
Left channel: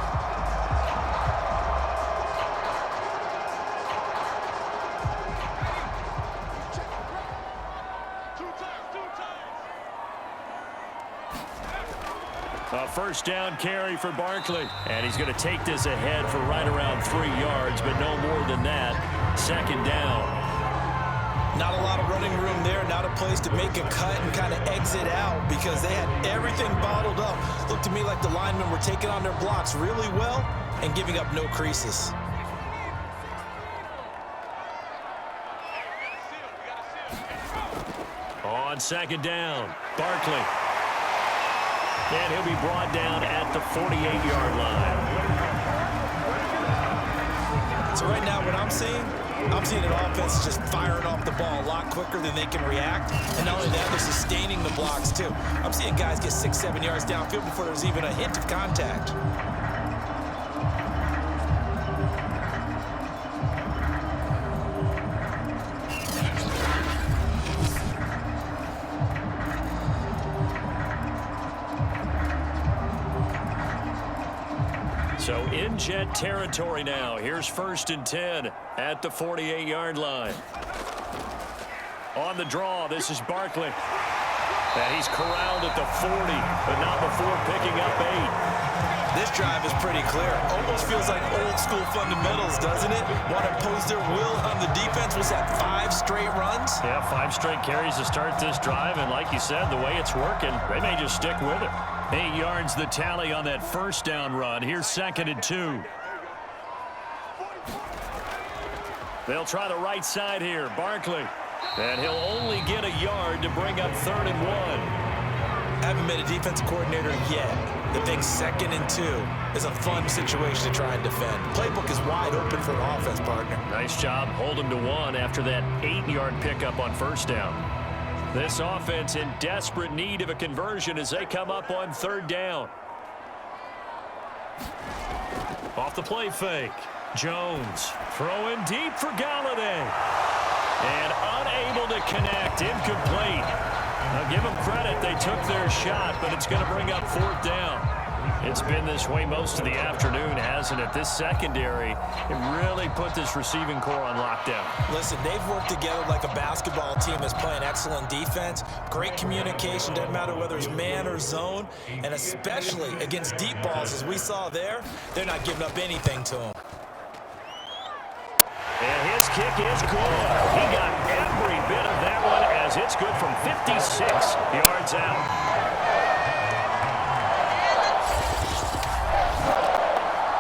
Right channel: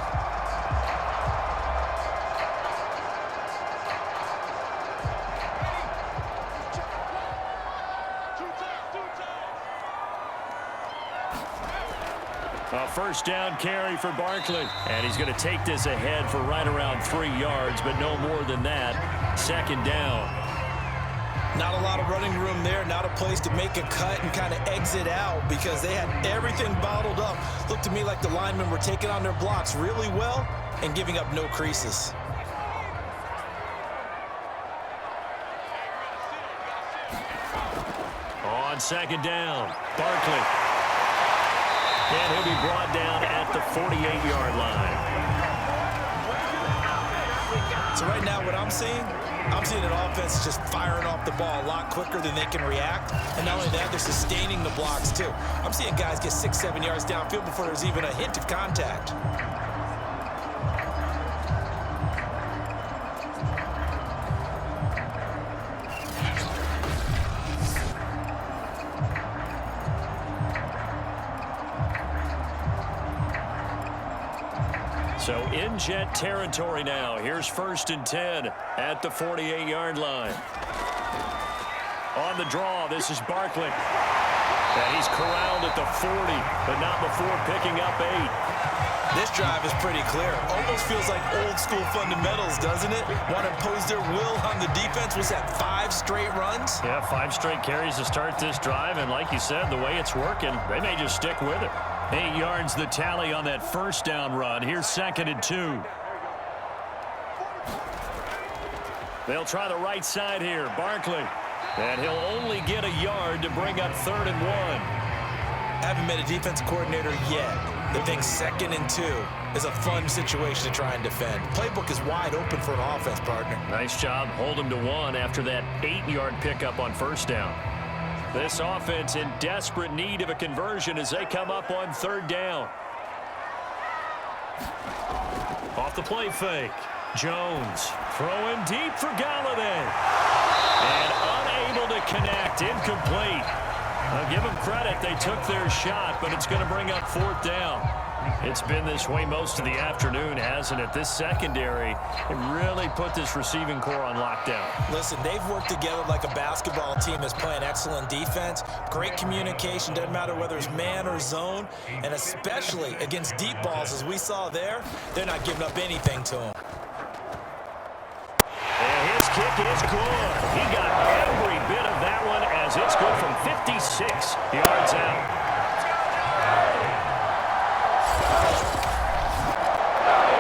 A first down carry for Barkley. And he's going to take this ahead for right around 3 yards, but no more than that. Second down. Not a lot of running room there, not a place to make a cut and kind of exit out because they had everything bottled up. Looked to me like the linemen were taking on their blocks really well and giving up no creases. On second down, Barkley. And he'll be brought down at the 48-yard line. So right now what I'm seeing an offense just firing off the ball a lot quicker than they can react. And not only that, they're sustaining the blocks too. I'm seeing guys get 6-7 yards downfield before there's even a hint of contact. So in Jet territory now. Here's 1st and 10 at the 48-yard line. On the draw, this is Barkley. And he's corralled at the 40, but not before picking up 8. This drive is pretty clear. Almost feels like old school fundamentals, doesn't it? Want to impose their will on the defense. Was that 5 straight runs? Yeah, 5 straight carries to start this drive. And like you said, the way it's working, they may just stick with it. 8 yards the tally on that first down run. Here's 2nd and 2. They'll try the right side here. Barkley. And he'll only get a yard to bring up 3rd and 1. Haven't been a defensive coordinator yet that thinks 2nd and 2 is a fun situation to try and defend. Playbook is wide open for an offense, partner. Nice job. Hold him to 1 after that 8-yard pickup on first down. This offense in desperate need of a conversion as they come up on 3rd down. Off the play fake. Jones throwing deep for Galladay. And unable to connect. Incomplete. I'll give them credit. They took their shot, but it's going to bring up 4th down. It's been this way most of the afternoon, hasn't it? This secondary, it really put this receiving core on lockdown. Listen, they've worked together like a basketball team that's playing excellent defense. Great communication, doesn't matter whether it's man or zone. And especially against deep balls, as we saw there, they're not giving up anything to them. And his kick is good. He got every bit of that one as it's good from 56 yards out.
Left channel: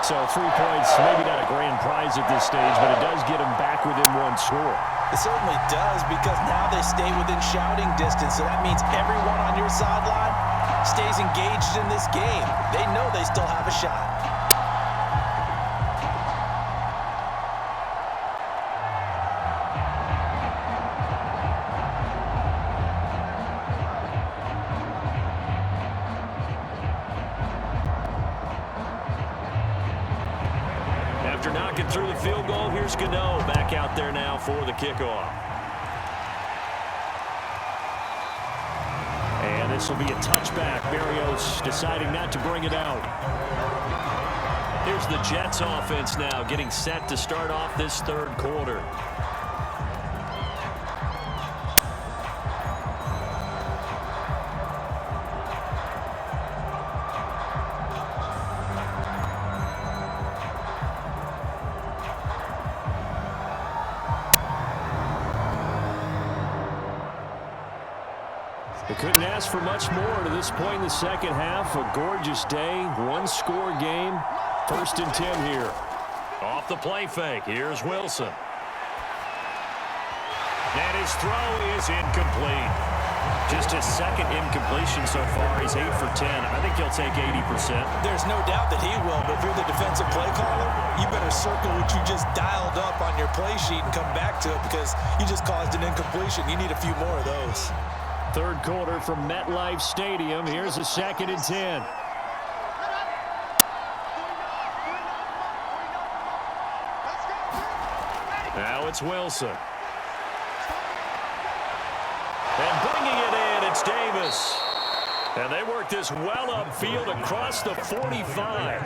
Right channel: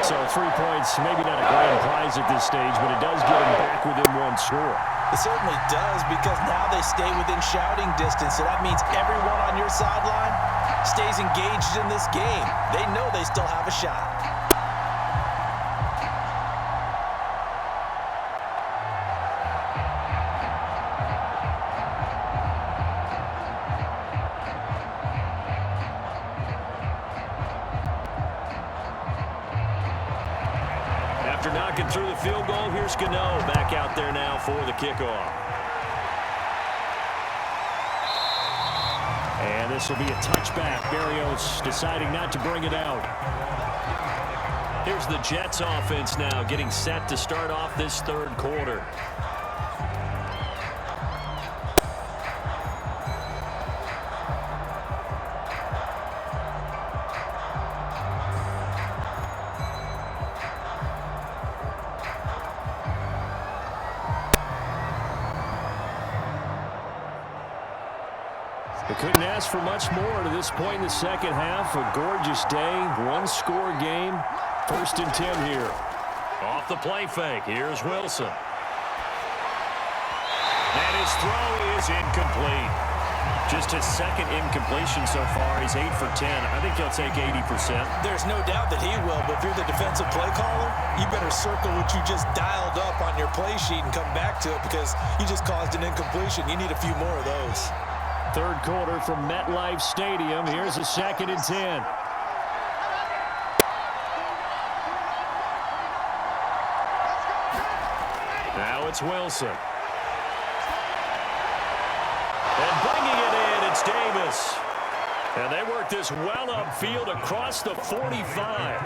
So 3 points, maybe not a grand prize at this stage, but it does get them back within 1 score. It certainly does because now they stay within shouting distance. So that means everyone on your sideline stays engaged in this game. They know they still have a shot. After knocking through the field goal, here's Gano back out there now for the kickoff. And this will be a touchback. Barrios deciding not to bring it out. Here's the Jets offense now getting set to start off this 3rd quarter. They couldn't ask for much more to this point in the second half. A gorgeous day, 1-score game. 1st and 10 here. Off the play fake, here's Wilson. And his throw is incomplete. Just his 2nd incompletion so far. He's 8 for 10. I think he'll take 80%. There's no doubt that he will, but if you're the defensive play caller, you better circle what you just dialed up on your play sheet and come back to it because you just caused an incompletion. You need a few more of those. 3rd quarter from MetLife Stadium. Here's a 2nd and 10. Now it's Wilson. And bringing it in, it's Davis. And they work this well upfield across the 45.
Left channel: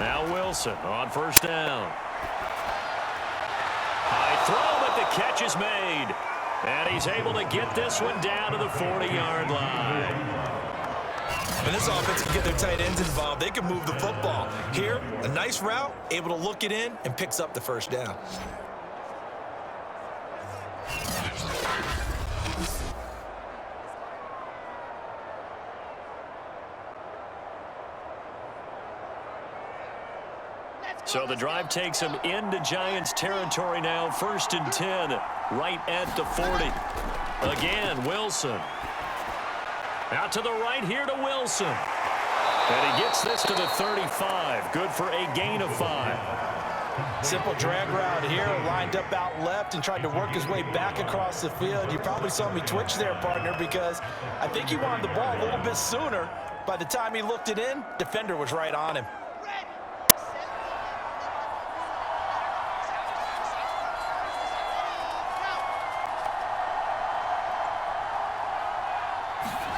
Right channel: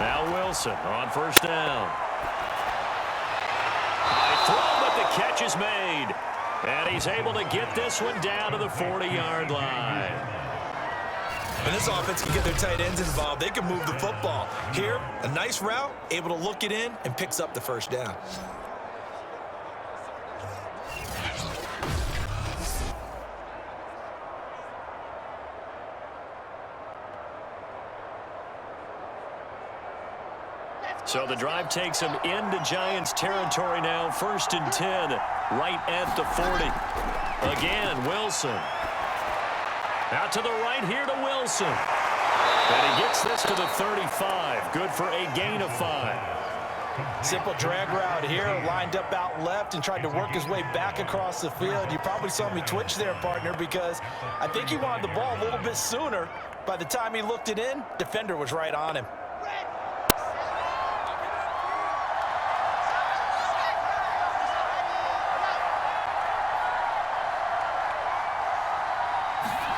Now Wilson on first down. High throw, but the catch is made. And he's able to get this one down to the 40-yard line. When this offense can get their tight ends involved, they can move the football. Here, a nice route, able to look it in, and picks up the first down. So the drive takes him into Giants territory now. 1st and 10, right at the 40. Again, Wilson. Out to the right here to Wilson. And he gets this to the 35. Good for a gain of 5. Simple drag route here, lined up out left and tried to work his way back across the field. You probably saw me twitch there, partner, because I think he wanted the ball a little bit sooner. By the time he looked it in, defender was right on him.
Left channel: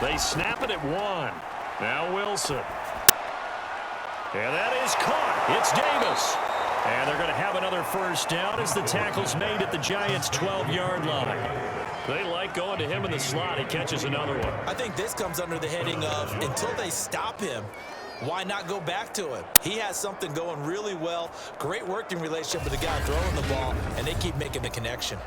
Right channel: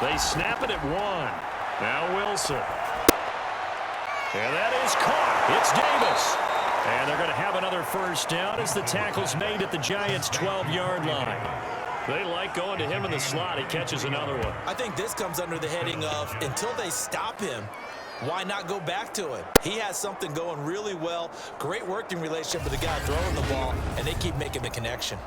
They snap it at 1. Now Wilson. And that is caught. It's Davis. And they're going to have another first down as the tackle's made at the Giants' 12-yard line. They like going to him in the slot. He catches another one. I think this comes under the heading of until they stop him, why not go back to him? He has something going really well. Great working relationship with the guy throwing the ball, and they keep making the connection.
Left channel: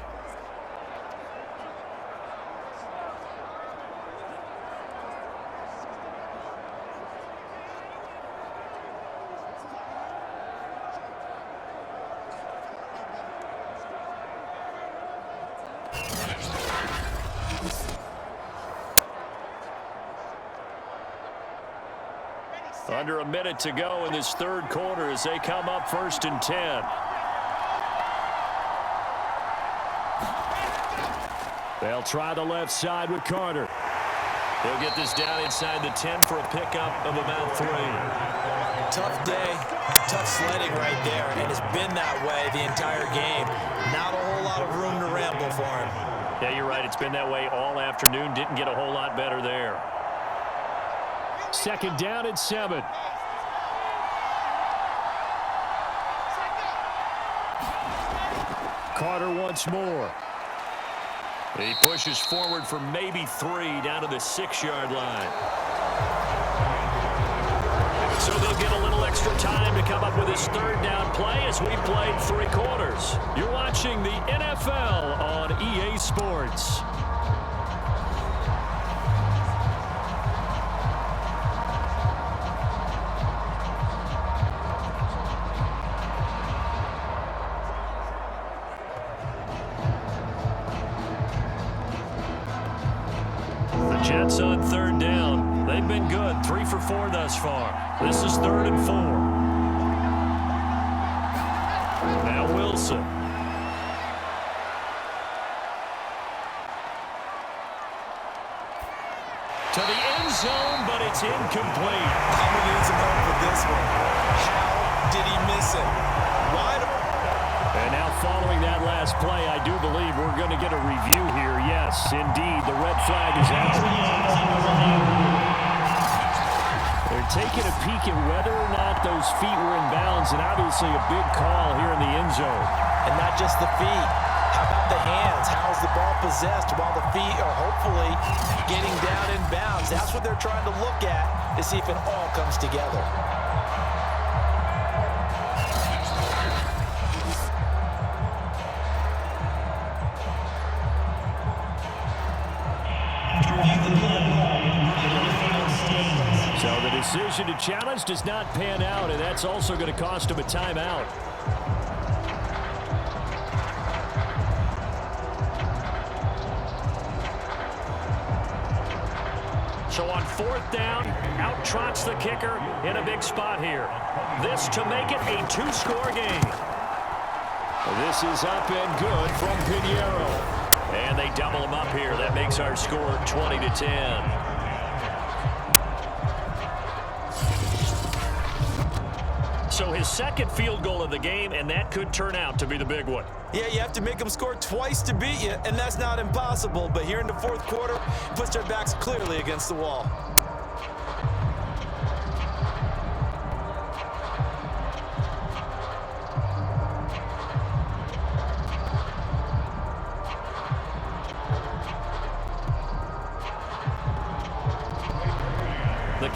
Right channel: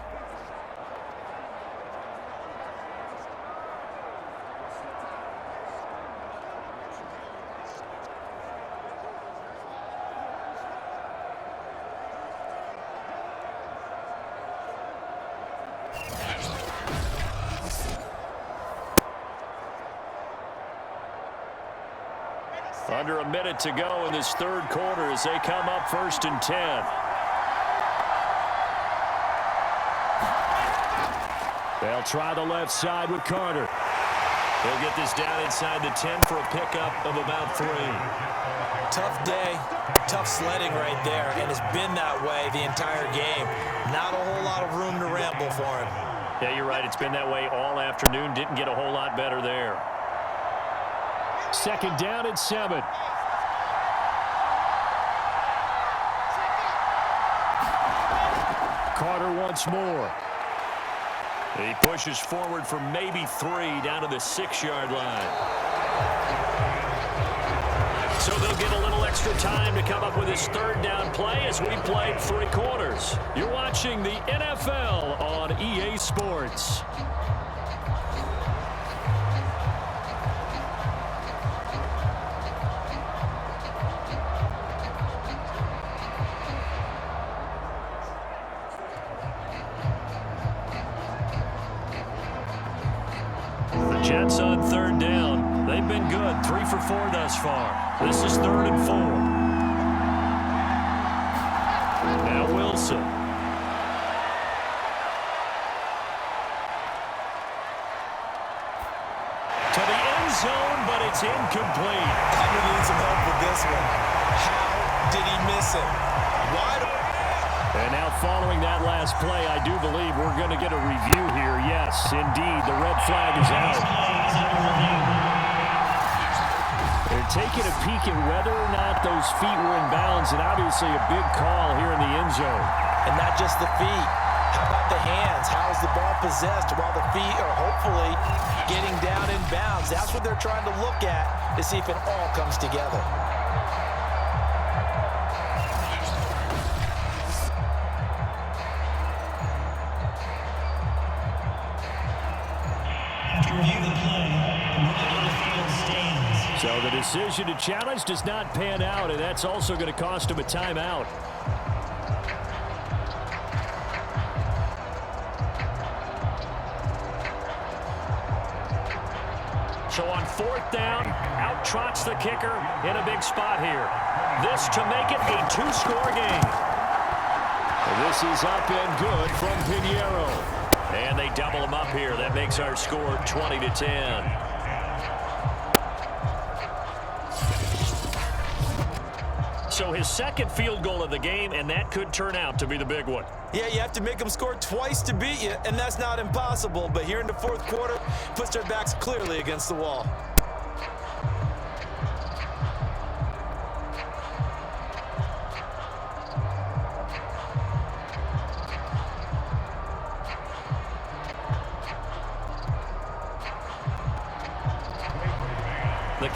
Under a minute to go in this third quarter as they come up 1st and 10. They'll try the left side with Carter. He'll get this down inside the 10 for a pickup of about 3. Tough day, tough sledding right there, and it's been that way the entire game. Not a whole lot of room to ramble for him. Yeah, you're right. It's been that way all afternoon. Didn't get a whole lot better there. 2nd down and 7. Carter once more. He pushes forward for maybe 3 down to the 6-yard line. So they'll get a little extra time to come up with his 3rd down play as we played 3 quarters. You're watching the NFL on EA Sports. Jets on 3rd down. They've been good. 3 for 4 thus far. This is 3rd and 4. Now Wilson. To the end zone, but it's incomplete. I'm going to need some help with this one. How did he miss it? Wide. And now following that last play, I do believe we're going to get a review here. Yes, indeed, the red flag is out. They're taking a peek at whether or not those feet were in bounds, and obviously a big call here in the end zone. And not just the feet. How about the hands? How is the ball possessed while the feet are hopefully getting down in bounds? That's what they're trying to look at to see if it all comes together. So the decision to challenge does not pan out, and that's also going to cost him a timeout. So on 4th down, out trots the kicker in a big spot here. This to make it a 2-score game. This is up and good from Pinheiro. And they double him up here. That makes our score 20-10. So his 2nd field goal of the game, and that could turn out to be the big one. Yeah, you have to make them score twice to beat you, and that's not impossible. But here in the 4th quarter, puts their backs clearly against the wall.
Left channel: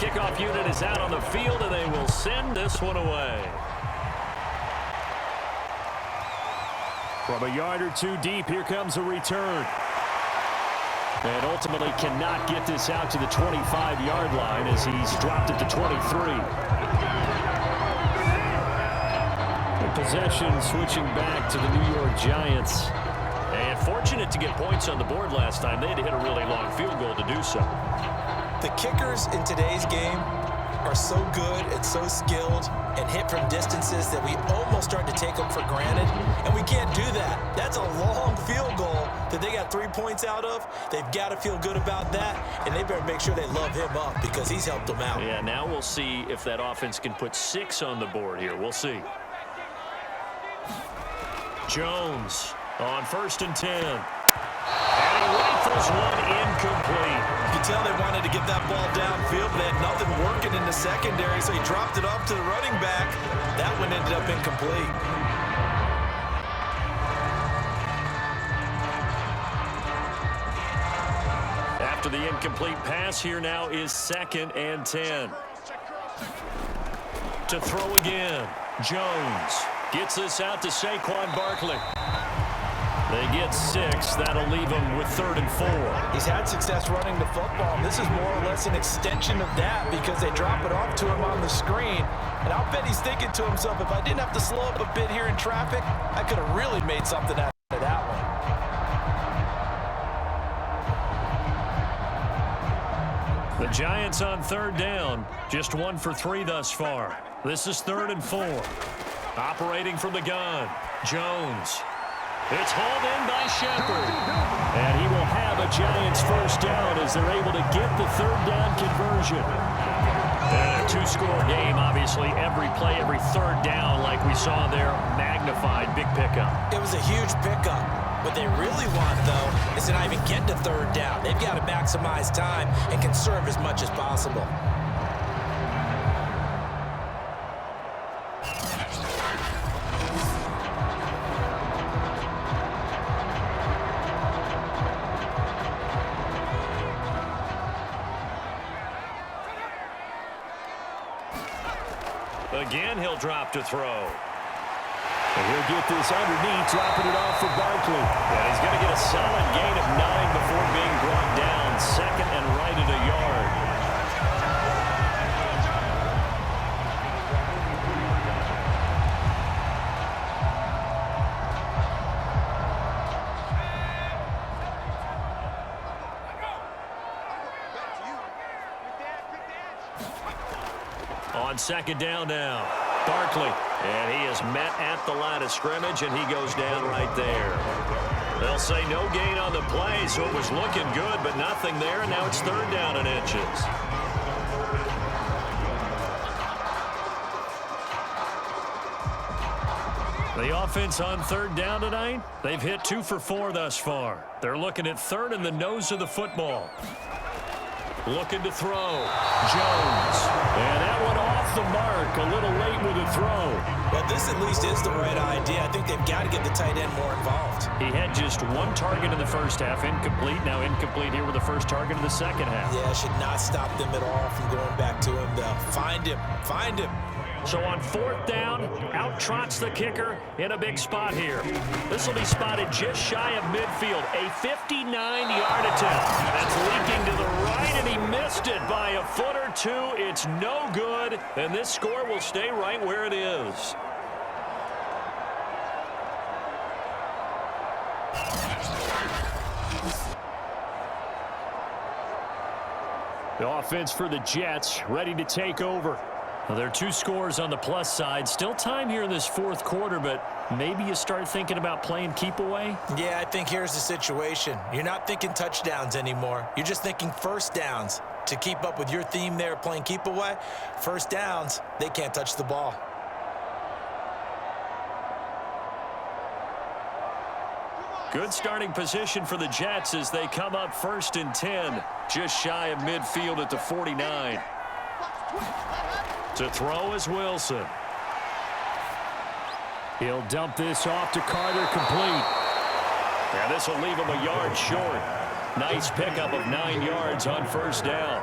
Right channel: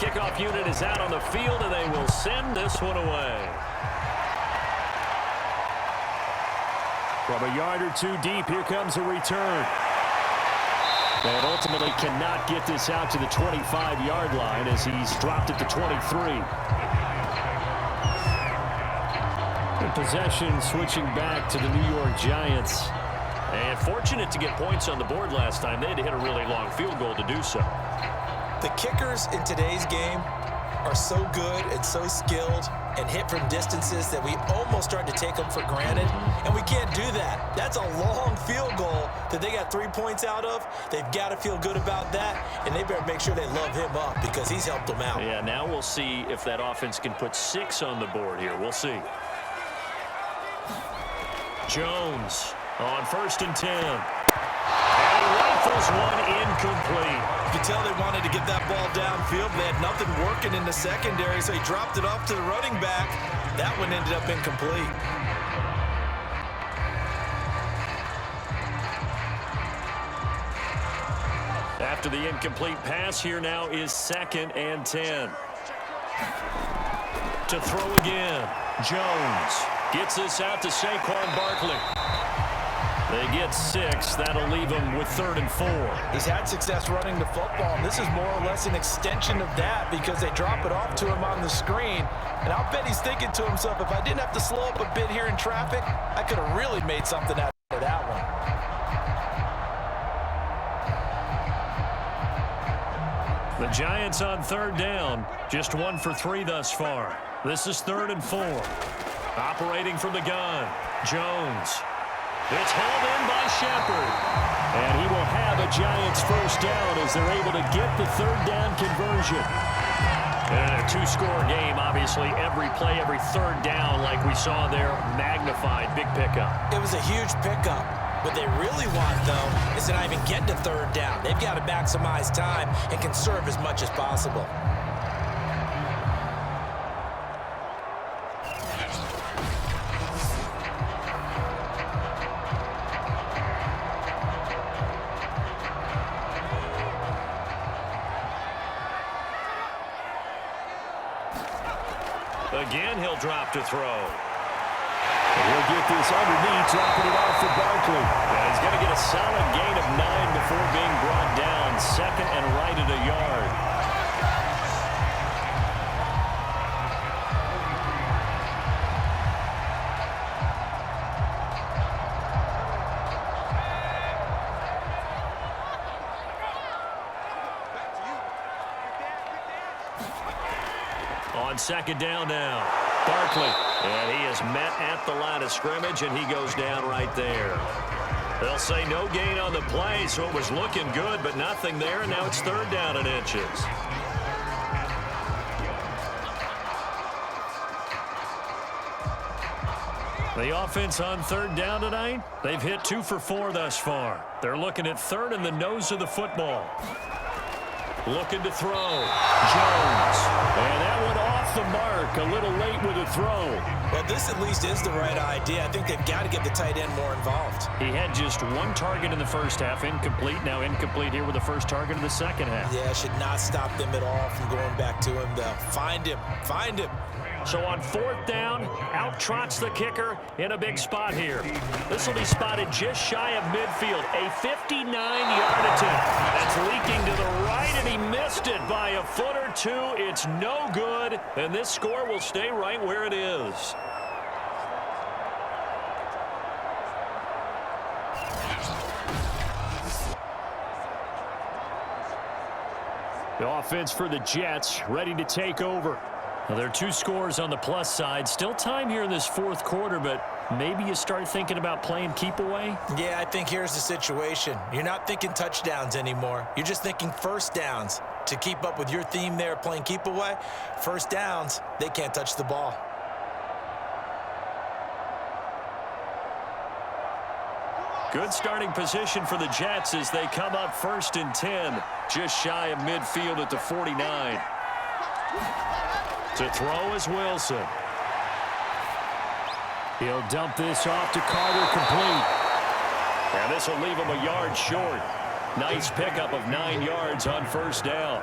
kickoff unit is out on the field, and they will send this one away. From a yard or two deep, here comes a return. And ultimately cannot get this out to the 25-yard line as he's dropped it to 23. And possession switching back to the New York Giants. And fortunate to get points on the board last time. They had to hit a really long field goal to do so. The kickers in today's game are so good and so skilled and hit from distances that we almost start to take them for granted, and we can't do that. That's a long field goal that they got 3 points out of. They've got to feel good about that, and they better make sure they love him up because he's helped them out. Yeah, now we'll see if that offense can put 6 on the board here. We'll see. Jones on 1st and 10. And he rifles one incomplete. You can tell they wanted to get that ball downfield. They had nothing working in the secondary, so he dropped it off to the running back. That one ended up incomplete. After the incomplete pass, here now is 2nd and 10. To throw again. Jones gets this out to Saquon Barkley. They get 6. That'll leave him with 3rd and 4. He's had success running the football, and this is more or less an extension of that because they drop it off to him on the screen. And I'll bet he's thinking to himself, if I didn't have to slow up a bit here in traffic, I could have really made something out of that one. The Giants on 3rd down, just 1 for 3 thus far. This is 3rd and 4. Operating from the gun, Jones. It's hauled in by Shepard. And he will have a Giants first down as they're able to get the 3rd down conversion. And a 2-score game, obviously, every play, every 3rd down, like we saw there, magnified, big pickup. It was a huge pickup. What they really want, though, is to not even get to 3rd down. They've got to maximize time and conserve as much as possible. Again, he'll drop to throw. And he'll get this underneath, dropping it off for Barkley. And he's going to get a solid gain of 9 before being brought down. 2nd and right at a yard. On 2nd down now, Barkley. And he is met at the line of scrimmage, and he goes down right there. They'll say no gain on the play, so it was looking good, but nothing there, and now it's 3rd down and inches. The offense on 3rd down tonight, they've hit 2 for 4 thus far. They're looking at 3rd in the nose of the football. Looking to throw. Jones. And that one off the mark. A little late with a throw. Well, this at least is the right idea. I think they've got to get the tight end more involved. He had just 1 target in the first half. Incomplete. Now incomplete here with the first target in the second half. Yeah, should not stop them at all from going back to him, though. Find him. Find him. So on 4th down, out trots the kicker in a big spot here. This will be spotted just shy of midfield. A 59-yard attempt. That's leaking to the right, and he missed it by a foot or 2. It's no good, and this score will stay right where it is. The offense for the Jets ready to take over. Well, there are 2 scores on the plus side. Still time here in this 4th quarter, but maybe you start thinking about playing keep away? Yeah, I think here's the situation. You're not thinking touchdowns anymore. You're just thinking first downs. To keep up with your theme there, playing keep away, first downs, they can't touch the ball. Good starting position for the Jets as they come up 1st and 10, just shy of midfield at the 49. To throw is Wilson. He'll dump this off to Carter, complete. And this will leave him a yard short. Nice pickup of 9 yards on 1st down.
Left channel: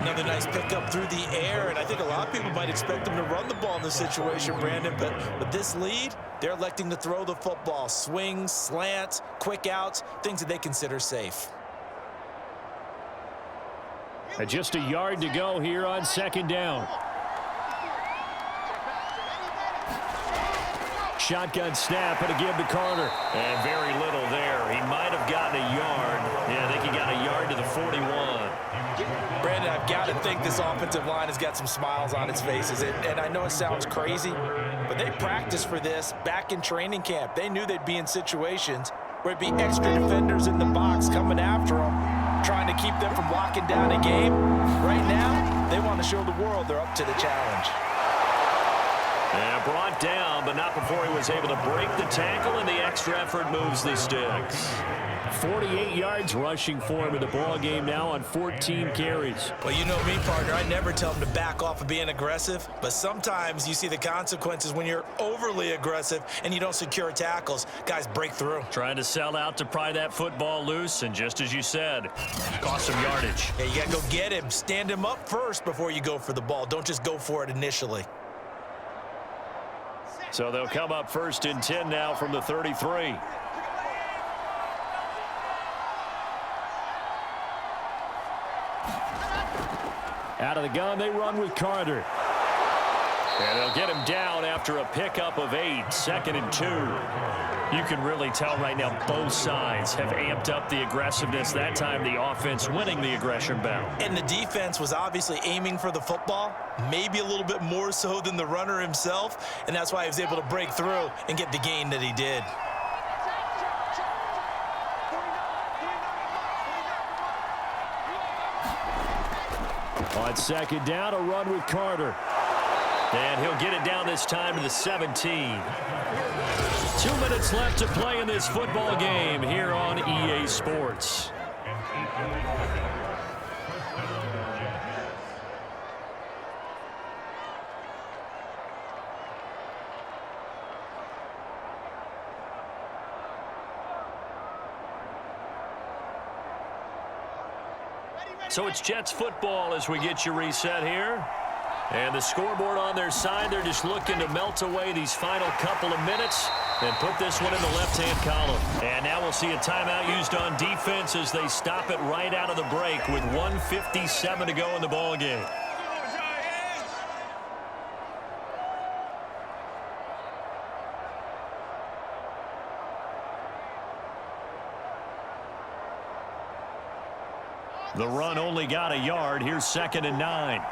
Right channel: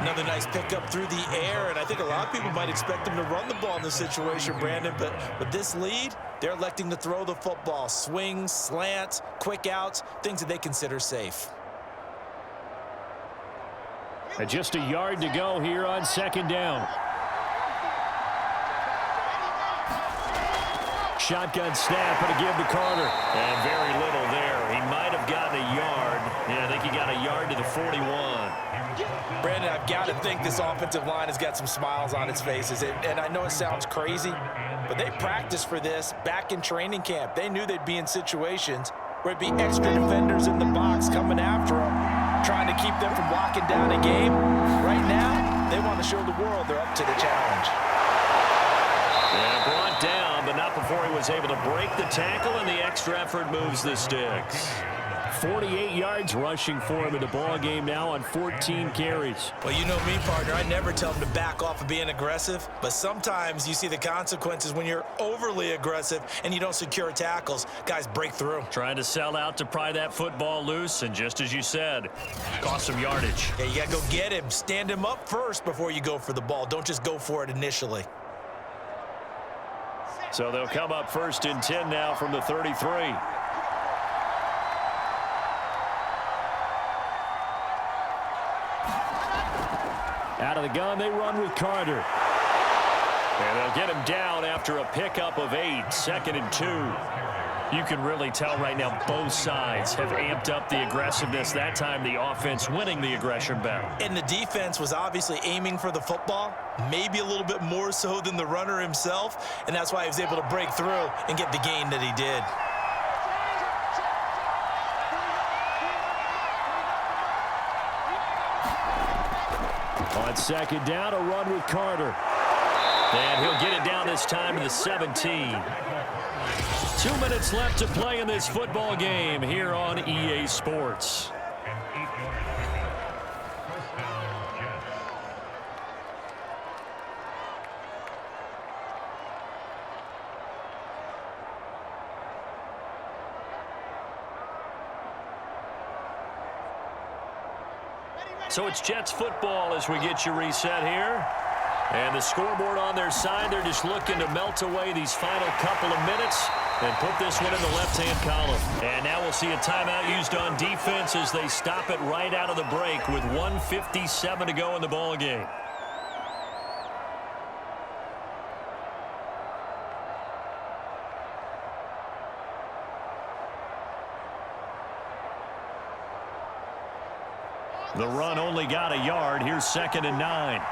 Another nice pickup through the air, and I think a lot of people might expect them to run the ball in this situation, Brandon, but with this lead, they're electing to throw the football. Swings, slants, quick outs, things that they consider safe. And just a yard to go here on second down. Shotgun snap and a give to Carter. And very little there. He might have gotten a yard. Yeah, I think he got a yard to the 41. Brandon, I've got to think this offensive line has got some smiles on its faces. And I know it sounds crazy, but they practiced for this back in training camp. They knew they'd be in situations where it'd be extra defenders in the box coming after them, trying to keep them from locking down a game. Right now, they want to show the world they're up to the challenge. Yeah, brought down, but not before he was able to break the tackle, and the extra effort moves the sticks. 48 yards rushing for him in the ball game now on 14 carries. Well, you know me, partner. I never tell him to back off of being aggressive, but sometimes you see the consequences when you're overly aggressive and you don't secure tackles. Guys break through. Trying to sell out to pry that football loose, and just as you said, cost some yardage. Yeah, you got to go get him. Stand him up first before you go for the ball. Don't just go for it initially. So they'll come up first and 10 now from the 33. Out of the gun, they run with Carter. And they'll get him down after a pickup of 8, 2nd and 2. You can really tell right now both sides have amped up the aggressiveness. That time the offense winning the aggression battle. And the defense was obviously aiming for the football, maybe a little bit more so than the runner himself, and that's why he was able to break through and get the gain that he did. On second down, a run with Carter. And he'll get it down this time to the 17. 2 minutes left to play in this football game here on EA Sports. So it's Jets football as we get you reset here. And the scoreboard on their side, they're just looking to melt away these final couple of minutes and put this one in the left-hand column. And now we'll see a timeout used on defense as they stop it right out of the break with 1:57 to go in the ball game. The run only got a yard. Here's 2nd and 9.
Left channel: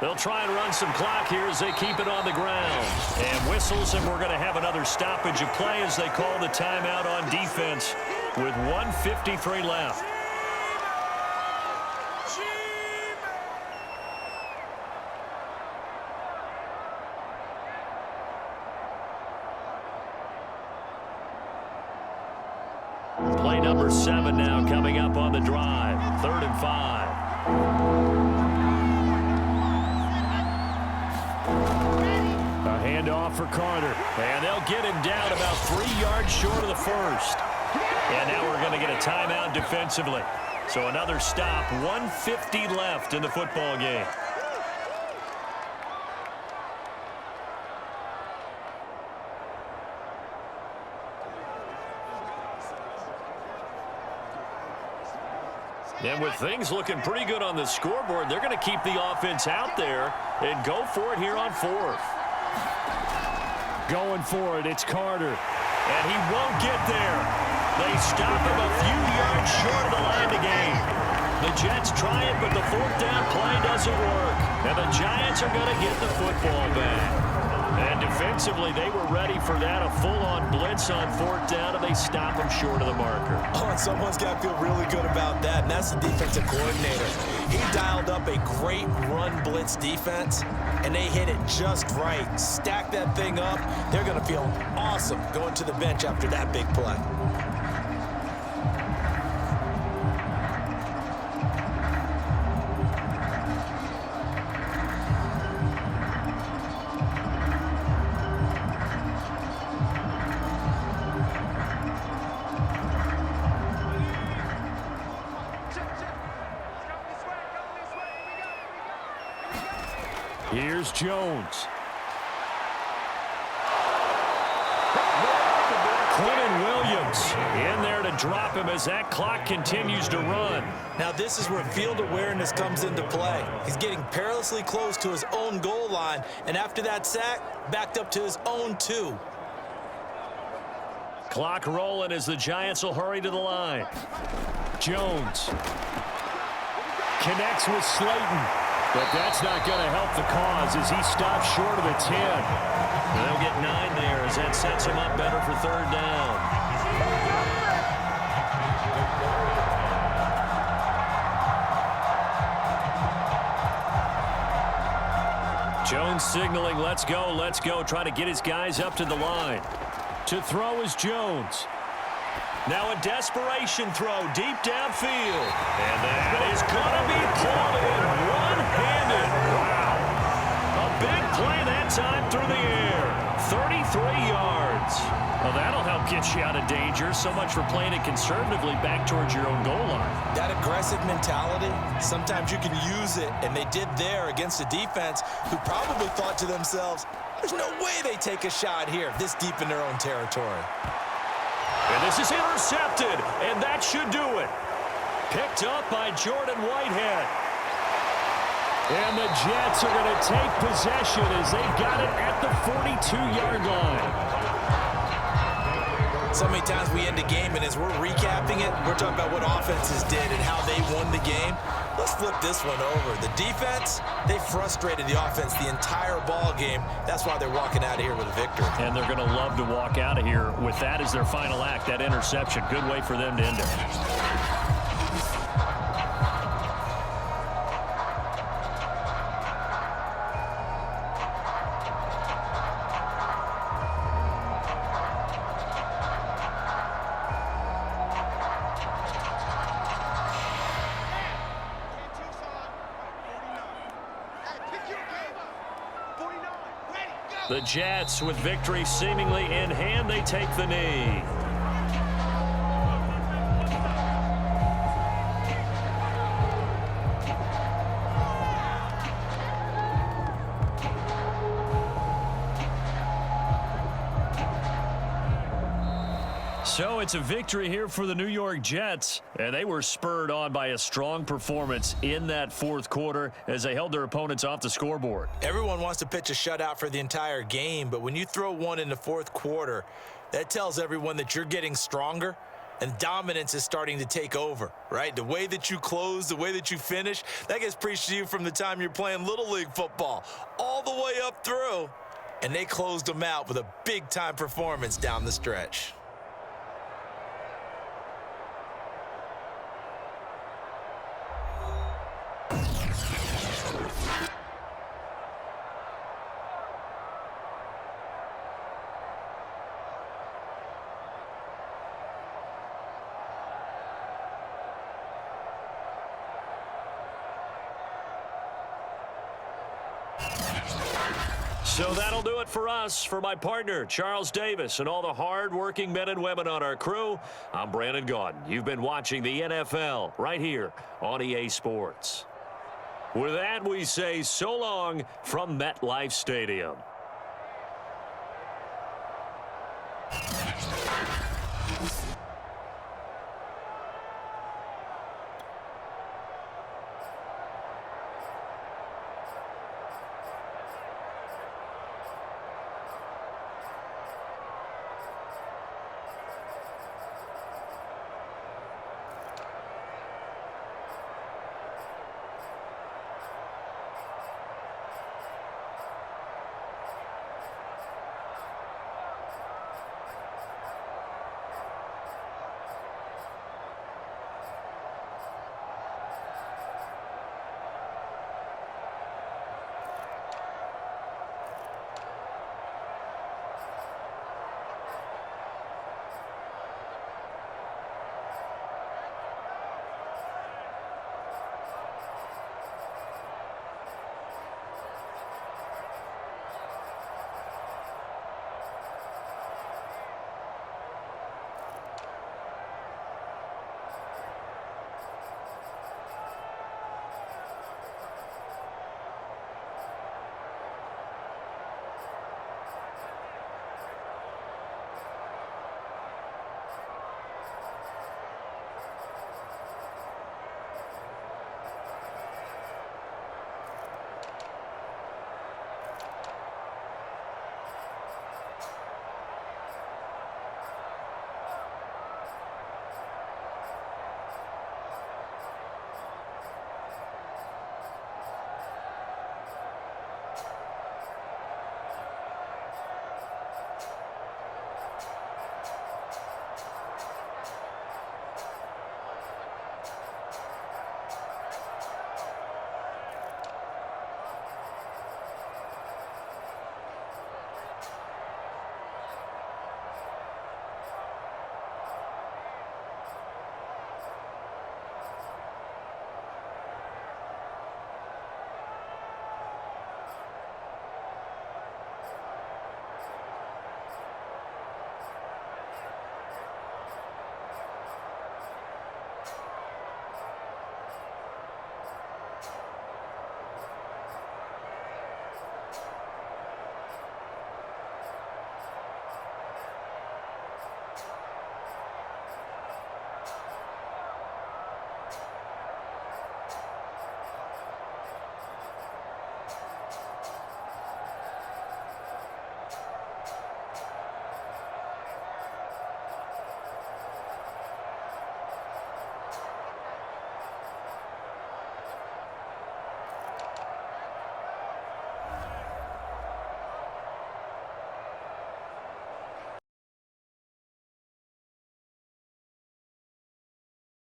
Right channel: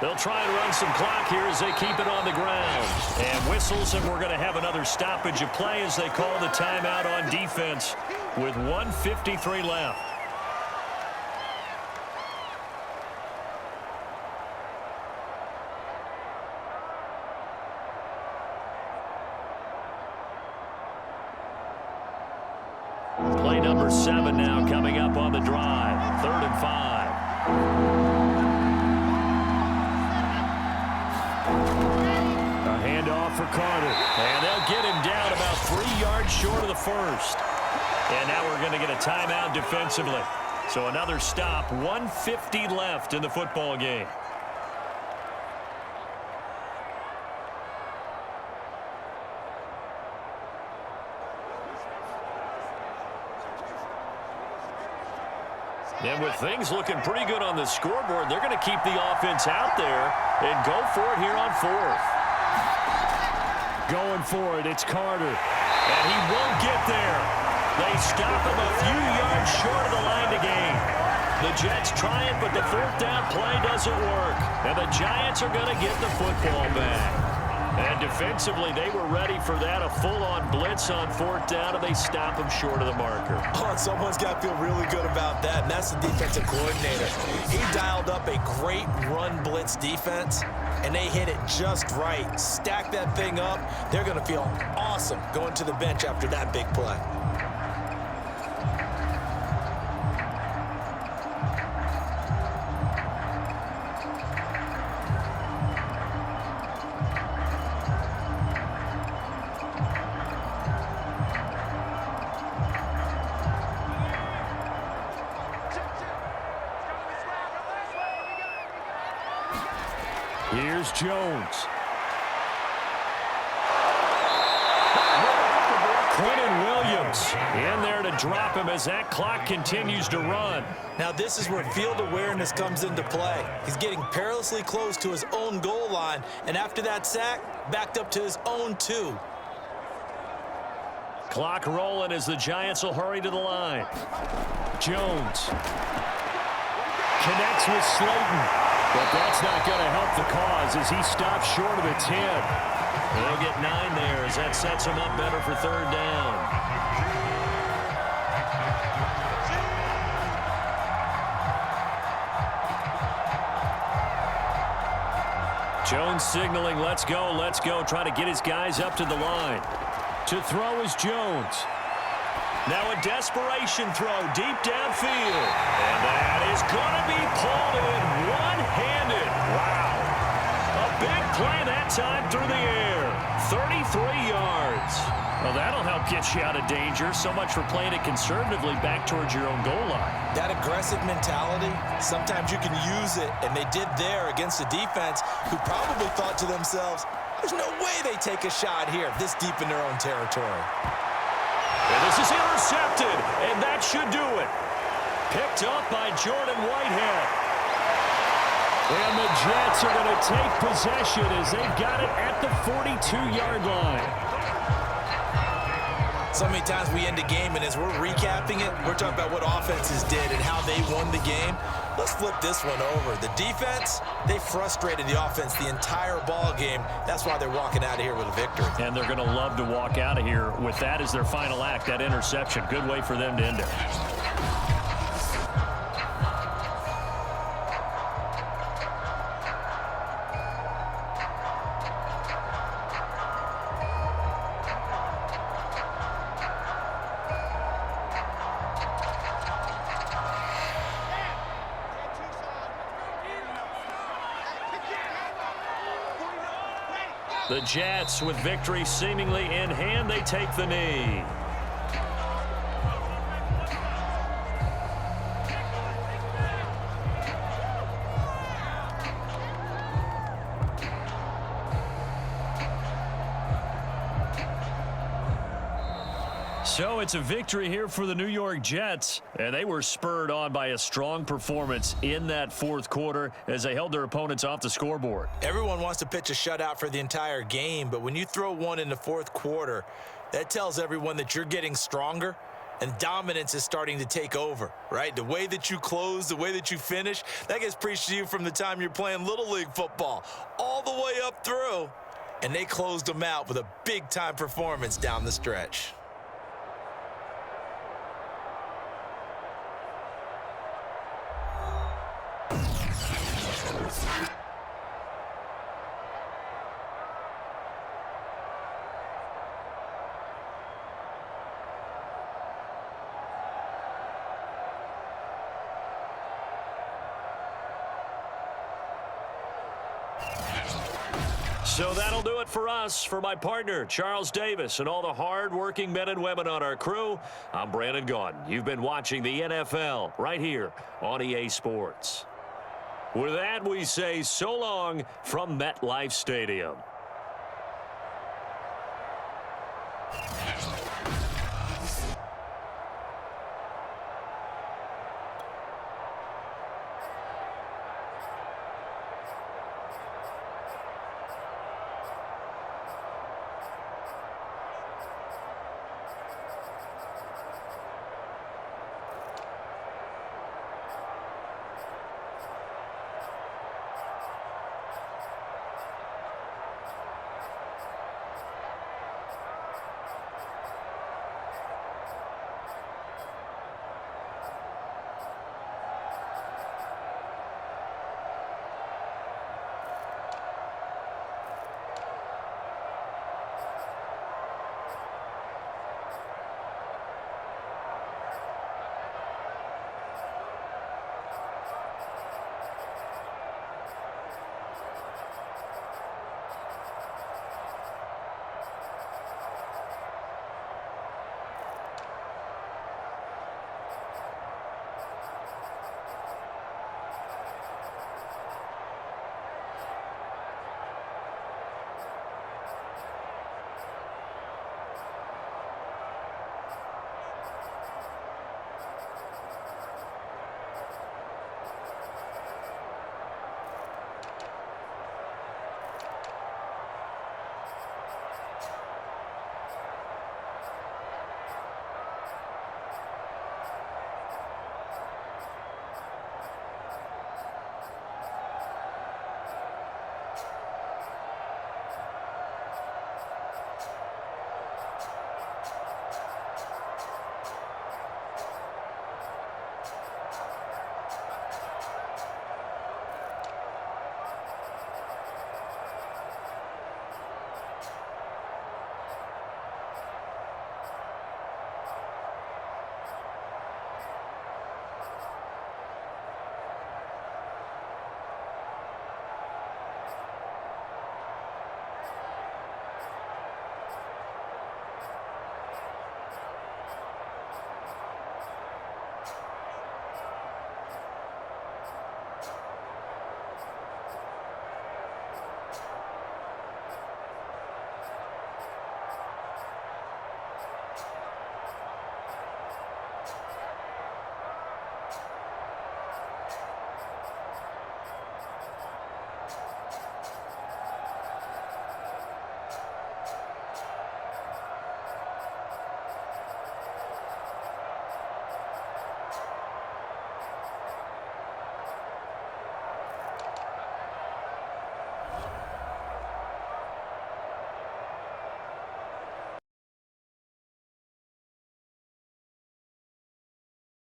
They'll try and run some clock here as they keep it on the ground. And whistles, and we're going to have another stoppage of play as they call the timeout on defense with 1:53 left. Play number 7 now coming up on the drive. 3rd and 5. A handoff for Carter. And they'll get him down about 3 yards short of the first. And now we're going to get a timeout defensively. So another stop. 1:50 left in the football game. And with things looking pretty good on the scoreboard, they're going to keep the offense out there and go for it here on 4th. Going for it, it's Carter. And he won't get there. They stop him a few yards short of the line to gain. The Jets try it, but the 4th down play doesn't work. And the Giants are going to get the football back. And defensively, they were ready for that, a full-on blitz on 4th down, and they stop them short of the marker. Oh, and someone's got to feel really good about that, and that's the defensive coordinator. He dialed up a great run blitz defense, and they hit it just right. Stack that thing up. They're going to feel awesome going to the bench after that big play. Here's Jones. Quentin Williams in there to drop him as that clock continues to run. Now this is where field awareness comes into play. He's getting perilously close to his own goal line, and after that sack, backed up to his own 2. Clock rolling as the Giants will hurry to the line. Jones connects with Slayton, but that's not going to help the cause as he stops short of the 10. They'll get 9 there as that sets him up better for 3rd down. Jones signaling, let's go, try to get his guys up to the line. To throw is Jones. Now a desperation throw deep downfield. And that is going to be pulled in one-handed. Wow. A big play that time through the air. 33 yards. Well, that'll help get you out of danger. So much for playing it conservatively back towards your own goal line. That aggressive mentality, sometimes you can use it, and they did there against a defense who probably thought to themselves, there's no way they take a shot here this deep in their own territory. And this is intercepted, and that should do it. Picked up by Jordan Whitehead. And the Jets are going to take possession as they've got it at the 42-yard line. So many times we end a game, and as we're recapping it, we're talking about what offenses did and how they won the game. Let's flip this one over. The defense, they frustrated the offense the entire ball game. That's why they're walking out of here with a victory. And they're going to love to walk out of here with that as their final act, that interception. Good way for them to end it. The Jets, with victory seemingly in hand, they take the knee. So it's a victory here for the New York Jets, and they were spurred on by a strong performance in that 4th quarter as they held their opponents off the scoreboard. Everyone wants to pitch a shutout for the entire game, but when you throw one in the 4th quarter, that tells everyone that you're getting stronger and dominance is starting to take over, right? The way that you close, the way that you finish, that gets preached to you from the time you're playing Little League football all the way up through, and they closed them out with a big-time performance down the stretch. So that'll do it for us. For my partner, Charles Davis, and all the hard-working men and women on our crew, I'm Brandon Gaudin. You've been watching the NFL right here on EA Sports. With that, we say so long from MetLife Stadium.